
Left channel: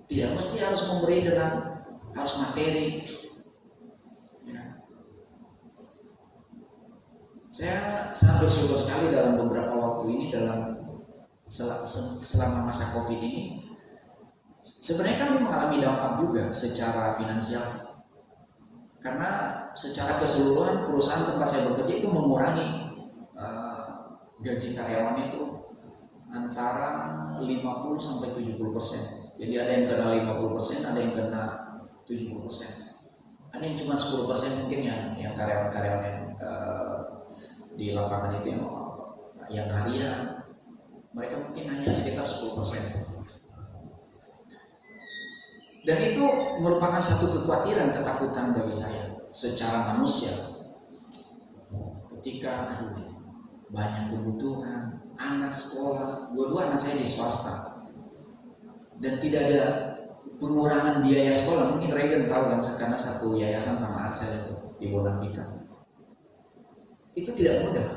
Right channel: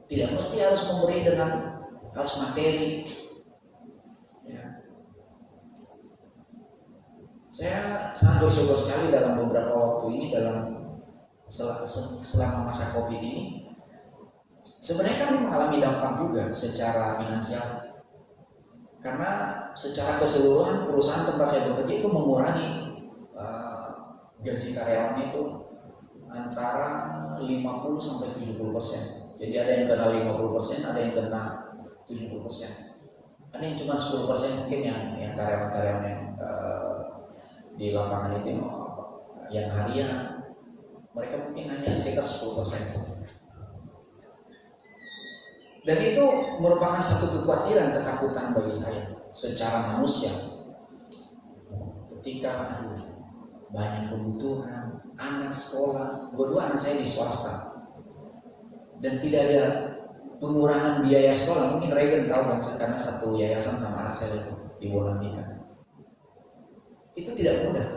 Tidak mesti harus memberi dengan harus materi. Ya. Saya sangat bersyukur sekali dalam beberapa waktu ini, dalam selama masa COVID ini, sebenarnya kami mengalami dampak juga secara finansial. Karena secara keseluruhan perusahaan tempat saya bekerja itu mengurangi gaji karyawan itu antara 50 sampai 70%. Jadi ada yang kena 50%, ada yang kena 70%. Ada yang cuma 10% mungkin yang karyawan-karyawan yang di lapangan itu yang harian, mereka mungkin hanya sekitar 10%. Dan itu merupakan satu kekhawatiran, ketakutan bagi saya secara manusia. Ketika banyak kebutuhan, anak sekolah, dua-dua anak saya di swasta, dan tidak ada pengurangan biaya sekolah. Mungkin Regen tahu kan, karena satu yayasan sama Arsel itu di Bonavita. Itu tidak mudah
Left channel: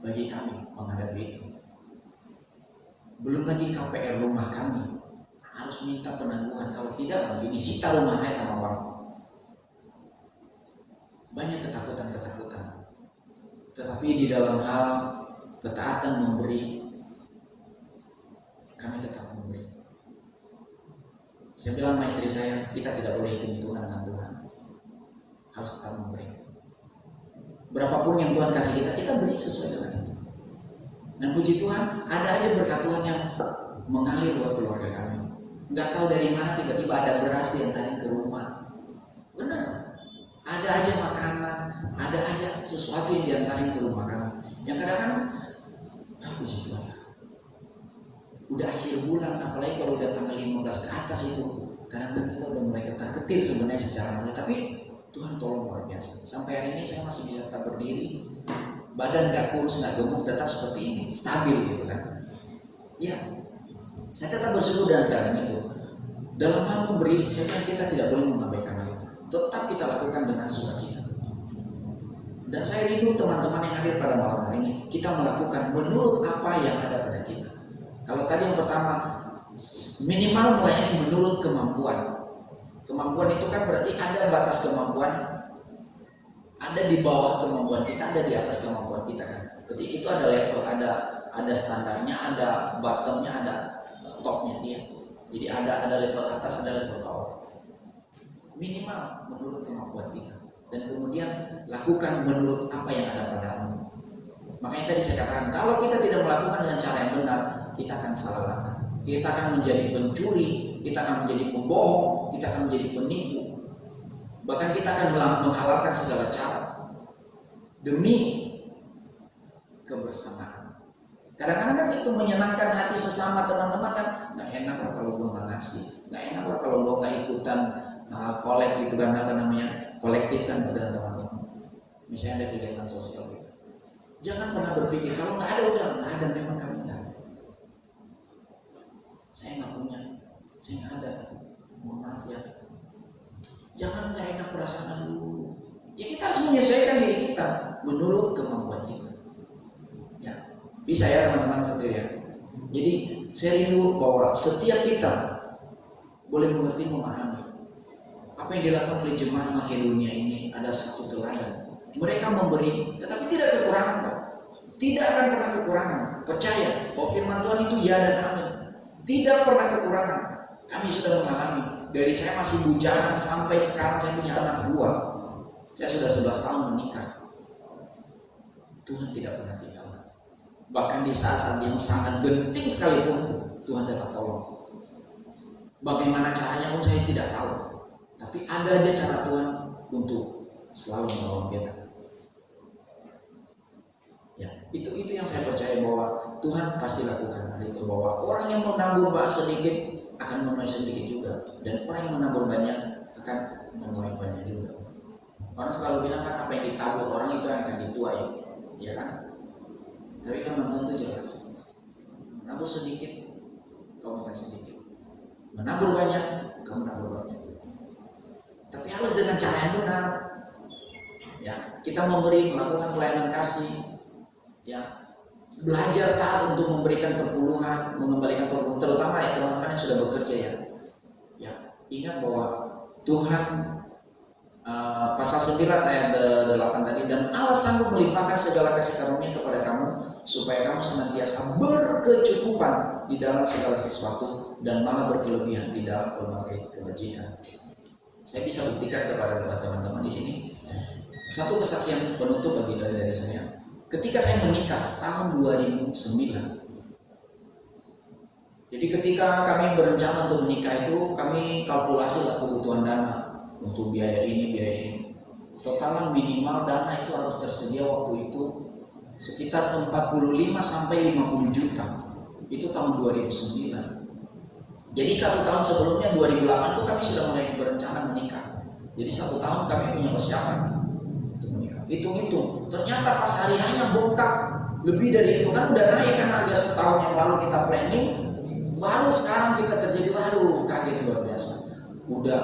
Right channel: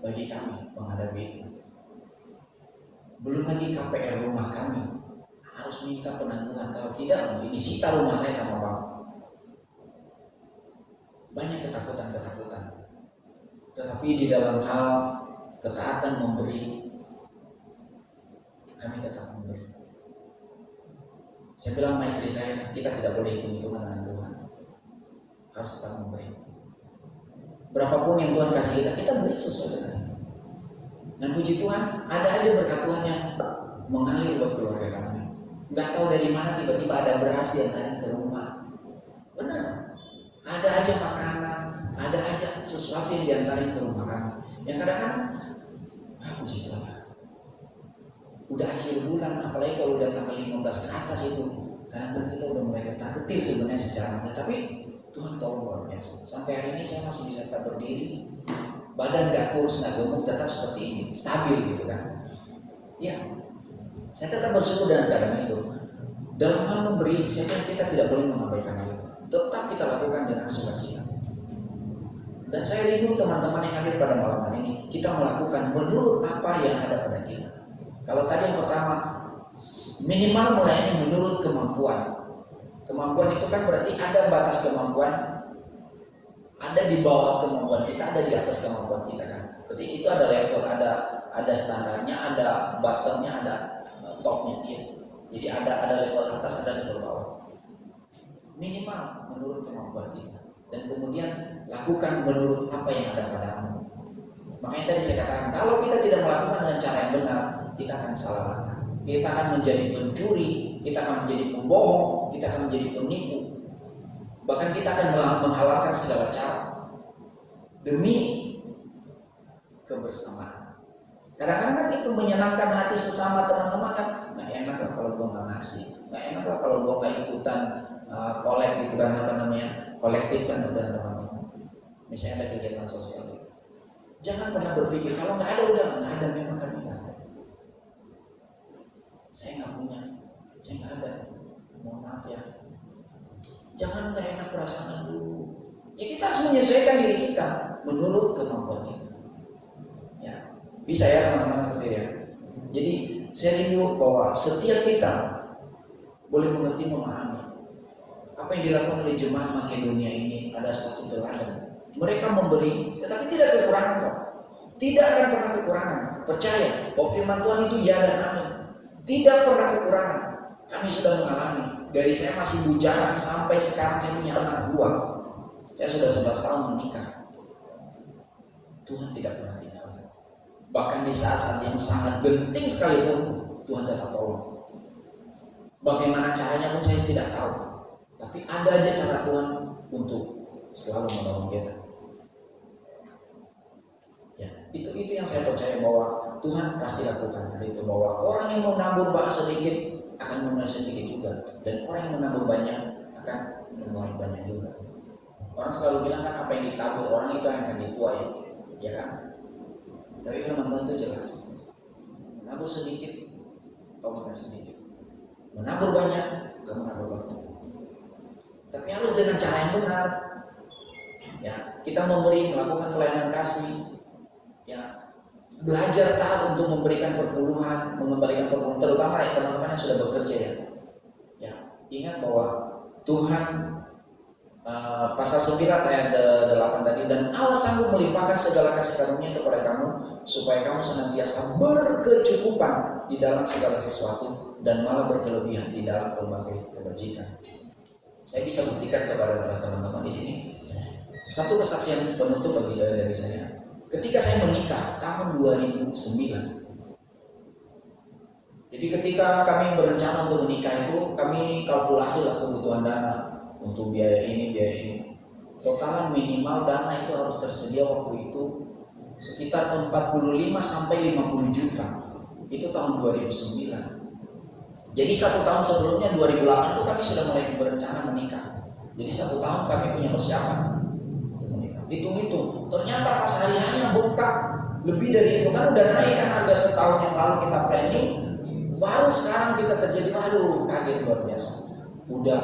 bagi kami menghadapi itu. Belum lagi KPR rumah kami harus minta penangguhan, kalau tidak ini disita rumah saya sama bank. Banyak ketakutan. Tetapi di dalam hal ketaatan memberi, kami tetap memberi. Saya bilang sama istri saya, kita tidak boleh hitung-hitungan dengan Tuhan, harus tetap memberi. Berapapun yang Tuhan kasih kita beri sesuai dengan itu. Dan puji Tuhan, ada aja berkat Tuhan yang mengalir buat keluarga kami. Nggak tahu dari mana tiba-tiba ada beras diantarin ke rumah. Benar, ada aja makanan, ada aja sesuatu yang diantarin ke rumah kami. Yang kadang-kadang, puji Tuhan, udah akhir bulan, apalagi kalau udah tanggal 15 ke atas itu, kadang-kadang kita udah mulai ketar-ketir sebenarnya secara mana. Tapi Tuhan tolong luar biasa. Sampai hari ini saya masih bisa tetap berdiri, badan gak kurus, gak gemuk, tetap seperti ini, stabil gitu kan. Ya, saya tetap bersyukur dengan keadaan itu. Dalam hal memberi, saya pikir kita tidak boleh mengabaikan hal itu. Tetap kita lakukan dengan sukacita. Dan saya rindu teman-teman yang hadir pada malam hari ini, kita melakukan menurut apa yang ada pada kita. Kalau tadi yang pertama, minimal melayani menurut kemampuan. Kemampuan itu kan berarti ada batas kemampuan, ada di bawah kemampuan kita, ada di atas kemampuan kita kan. Berarti itu ada level, ada standarnya, ada bottomnya, ada topnya dia. Jadi ada level atas, ada level bawah. Minimal menurut kemampuan kita. Dan kemudian lakukan menurut apa yang ada padamu. Makanya tadi saya katakan, kalau kita tidak melakukan dengan cara yang benar, kita akan salah langkah. Kita akan menjadi pencuri, kita akan menjadi pembohong, kita akan menjadi penipu. Bahkan kita akan menghalalkan segala cara demi kebersamaan. Kadang-kadang kan itu menyenangkan hati sesama teman-teman kan. Nggak enak lah kalau gue nggak ngasih, nggak enak lah kalau gue nggak ikutan kolek gitu kan, apa namanya, kolektif kan pada teman-teman. Misalnya ada kegiatan sosial gitu. Jangan pernah berpikir kalau nggak ada udah nggak ada, memang kami nggak ada. Saya nggak punya, saya nggak ada. Mohon maaf ya. Jangan nggak enak perasaan dulu. Ya kita harus menyesuaikan diri kita menurut kemampuan kita. Ya, bisa ya teman-teman seperti ya. Jadi saya rindu bahwa setiap kita boleh mengerti, memahami apa yang dilakukan oleh jemaat Makedonia ini. Ada satu teladan. Mereka memberi, tetapi tidak kekurangan, Pak. Tidak akan pernah kekurangan. Percaya bahwa firman Tuhan itu ya dan amin. Tidak pernah kekurangan. Kami sudah mengalami. Dari saya masih bujangan sampai sekarang saya punya anak 2. Saya sudah 11 tahun menikah. Tuhan tidak pernah tinggalkan. Bahkan di saat-saat yang sangat genting sekalipun, Tuhan tetap tolong. Bagaimana caranya pun saya tidak tahu. Tapi ada aja cara Tuhan untuk selalu menolong kita. Ya, itu yang saya percaya bahwa Tuhan pasti lakukan hal itu, bahwa orang yang menabur sedikit akan menuai sedikit juga, dan orang yang menabur banyak akan menuai banyak juga. Orang selalu bilang kan apa yang ditabur orang itu yang akan dituai, ya kan? Tapi firman Tuhan itu jelas, menabur sedikit, kau menuai sedikit. Menabur banyak, kau menabur banyak. Tapi harus dengan cara yang benar. Ya, kita memberi, melakukan pelayanan kasih, ya, belajar taat untuk memberikan perpuluhan, mengembalikan perpuluhan, terutama ya teman-teman yang sudah bekerja ya. Ya, ingat bahwa Tuhan pasal 9 ayat 8 tadi, dan Allah sanggup melimpahkan segala kasih karunia kepada kamu supaya kamu senantiasa berkecukupan di dalam segala sesuatu dan malah berkelebihan di dalam berbagai kebajikan. Saya bisa buktikan kepada teman-teman di sini satu kesaksian penutup bagi dari saya. Ketika saya menikah tahun 2009, jadi ketika kami berencana untuk menikah itu, kami kalkulasi lah kebutuhan dana untuk biaya ini. Totalan minimal dana itu harus tersedia waktu itu sekitar 45 sampai 50 juta. Itu tahun 2009. Jadi 1 tahun sebelumnya 2008 itu kami sudah mulai berencana menikah. Jadi 1 tahun kami punya persiapan untuk menikah. Hitung-hitung, ternyata pas hari hanya bongkar lebih dari itu, kan udah naik kan harga setahun yang lalu kita planning. Baru sekarang kita terjadi, kaget luar biasa. Udah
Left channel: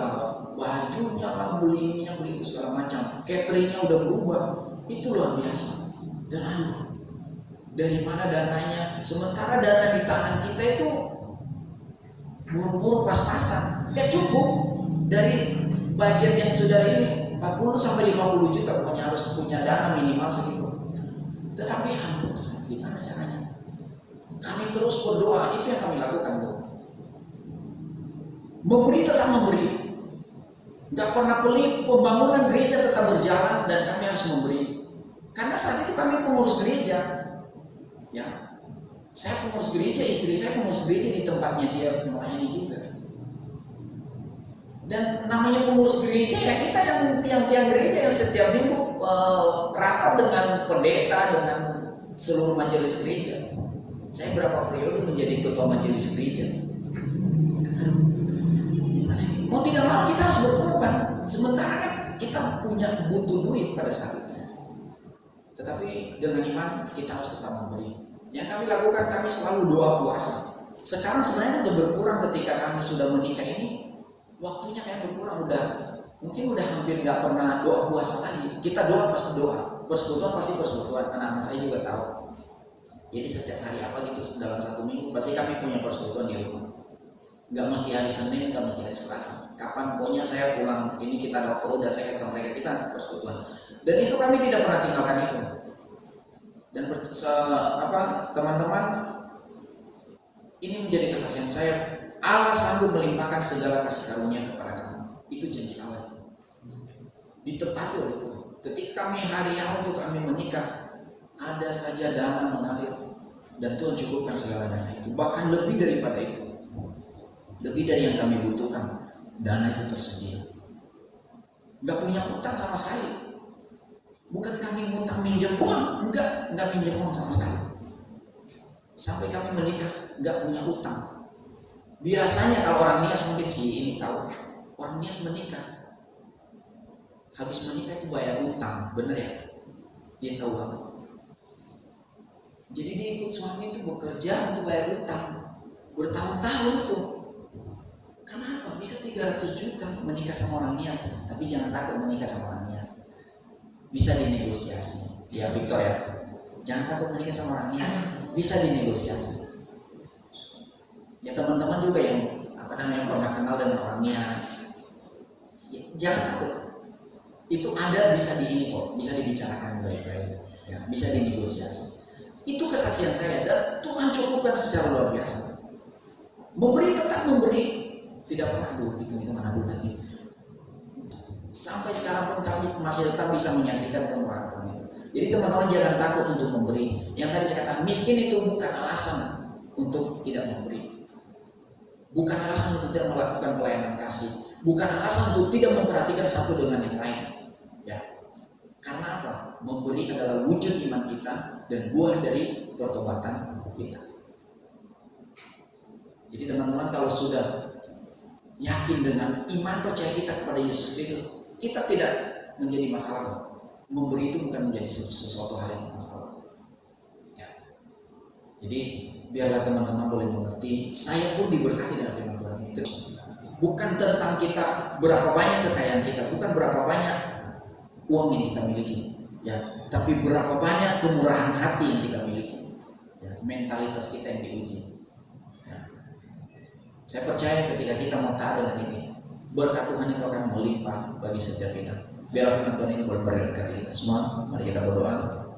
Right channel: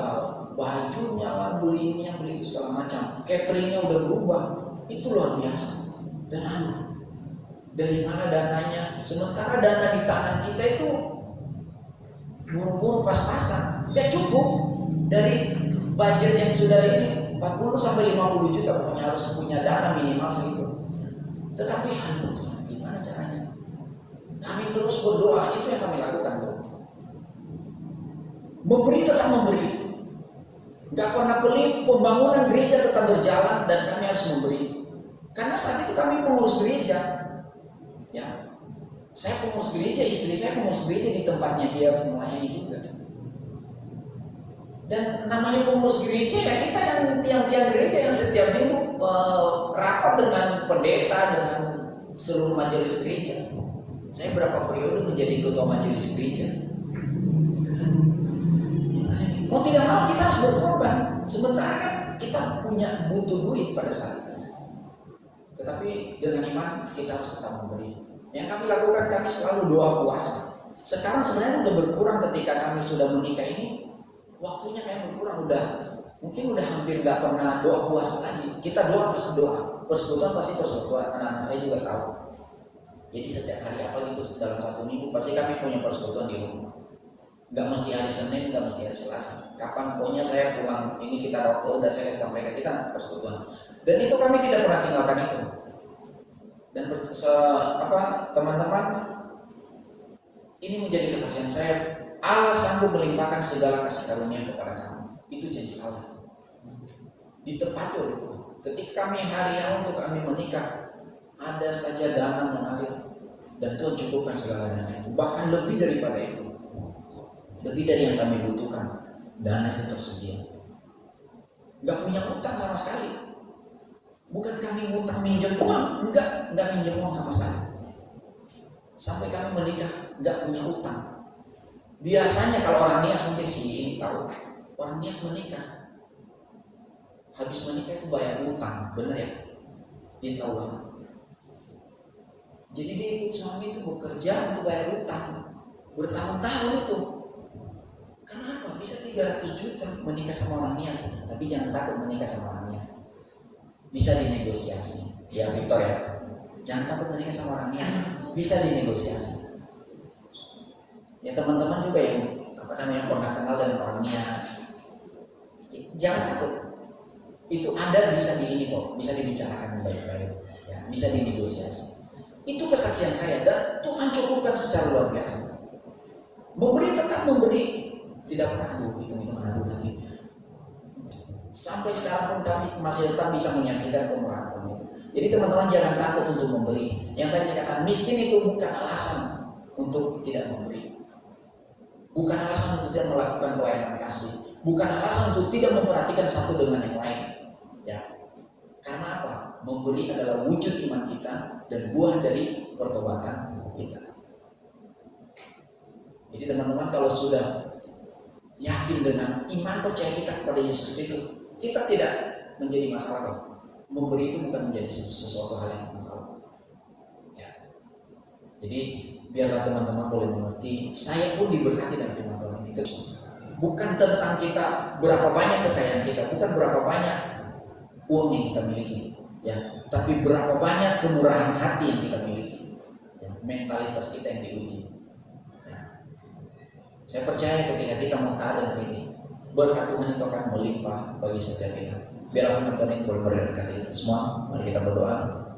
bajunya lah, beli ini, beli itu segala macam. Cateringnya udah berubah. Itu luar biasa. Dan dari mana dananya? Sementara dana di tangan kita itu buru-buru pas-pasan. Gak cukup dari budget yang sudah ini 40 sampai 50 juta, pokoknya harus punya dana minimal segitu. Tetapi gimana caranya? Kami terus berdoa, itu yang kami lakukan tuh. Memberi tetap memberi. Gak pernah pelit, pembangunan gereja tetap berjalan dan kami harus memberi. Karena saat itu kami pengurus gereja. Ya, saya pengurus gereja, istri saya pengurus gereja di tempatnya dia melayani juga. Dan namanya pengurus gereja ya kita yang tiang-tiang gereja yang setiap minggu rapat dengan pendeta, dengan seluruh majelis gereja. Saya berapa periode menjadi ketua majelis gereja. Mau tidak mau kita harus berkorban. Sementara kan kita punya butuh duit pada saat itu. Tetapi dengan iman kita harus tetap memberi. Yang kami lakukan, kami selalu doa puasa. Sekarang sebenarnya udah berkurang ketika kami sudah menikah ini. Waktunya kayak berkurang, mungkin udah hampir gak pernah doa puasa lagi. Kita doa pasti doa, persekutuan pasti persekutuan. Anak-anak saya juga tahu. Jadi setiap hari apa gitu dalam 1 minggu pasti kami punya persekutuan di rumah. Gak mesti hari Senin, gak mesti hari Selasa. Kapan pokoknya saya pulang, ini kita ada waktu, udah saya kasih tahu mereka kita persekutuan. Dan itu kami tidak pernah tinggalkan itu. Dan teman-teman, ini menjadi kesaksian saya. Allah sanggup melimpahkan segala kasih karunia kepada kamu. Itu janji Allah. Ditepati oleh Tuhan. Ketika kami hari untuk kami menikah, ada saja dana mengalir dan Tuhan cukupkan segala dana itu. Bahkan lebih daripada itu, lebih dari yang kami butuhkan, dana itu tersedia. Gak punya utang sama sekali. Bukan kami ngutang minjem uang, enggak minjem uang sama sekali. Sampai kami menikah, gak punya utang. Biasanya kalau orang nias, mungkin ini tahu, orang nias menikah, habis menikah itu bayar utang, bener ya? Dia tahu banget. Jadi dia ikut suami itu bekerja untuk bayar utang bertahun-tahun itu. Kenapa? Bisa 300 juta menikah sama orang nias, tapi jangan takut menikah sama orang nias. Bisa dinegosiasi. Ya Victor ya, jangan takut menikah sama orang nias, bisa dinegosiasi. Ya teman-teman juga yang pernah kenal dengan orang nias, jangan takut. Itu ada, bisa bisa dibicarakan baik-baik, ya, bisa dinegosiasi. Itu kesaksian saya dan Tuhan cukupkan secara luar biasa. Memberi tetap memberi, tidak pernah hitung-hitungan nanti. Sampai sekarang pun kami masih tetap bisa menyaksikan kemurahan Tuhan itu. Jadi teman-teman jangan takut untuk memberi. Yang tadi saya katakan, miskin itu bukan alasan untuk tidak memberi. Bukan alasan untuk tidak melakukan pelayanan kasih. Bukan alasan untuk tidak memperhatikan satu dengan yang lain. Ya, karena apa? Memberi adalah wujud iman kita dan buah dari pertobatan kita. Jadi teman-teman kalau sudah yakin dengan iman percaya kita kepada Yesus Kristus, kita tidak menjadi masalah. Memberi itu bukan menjadi sesuatu hal yang masalah. Ya. Jadi biarlah teman-teman boleh mengerti, saya pun diberkati dalam firman Tuhan ini. Bukan tentang kita berapa banyak kekayaan kita, bukan berapa banyak uang yang kita miliki, ya, tapi berapa banyak kemurahan hati yang kita miliki, ya, mentalitas kita yang diuji. Ya. Saya percaya ketika kita mau taat dengan ini, berkat Tuhan itu akan melimpah bagi setiap kita. Biarlah firman Tuhan ini boleh berkati kita semua. Mari kita berdoa.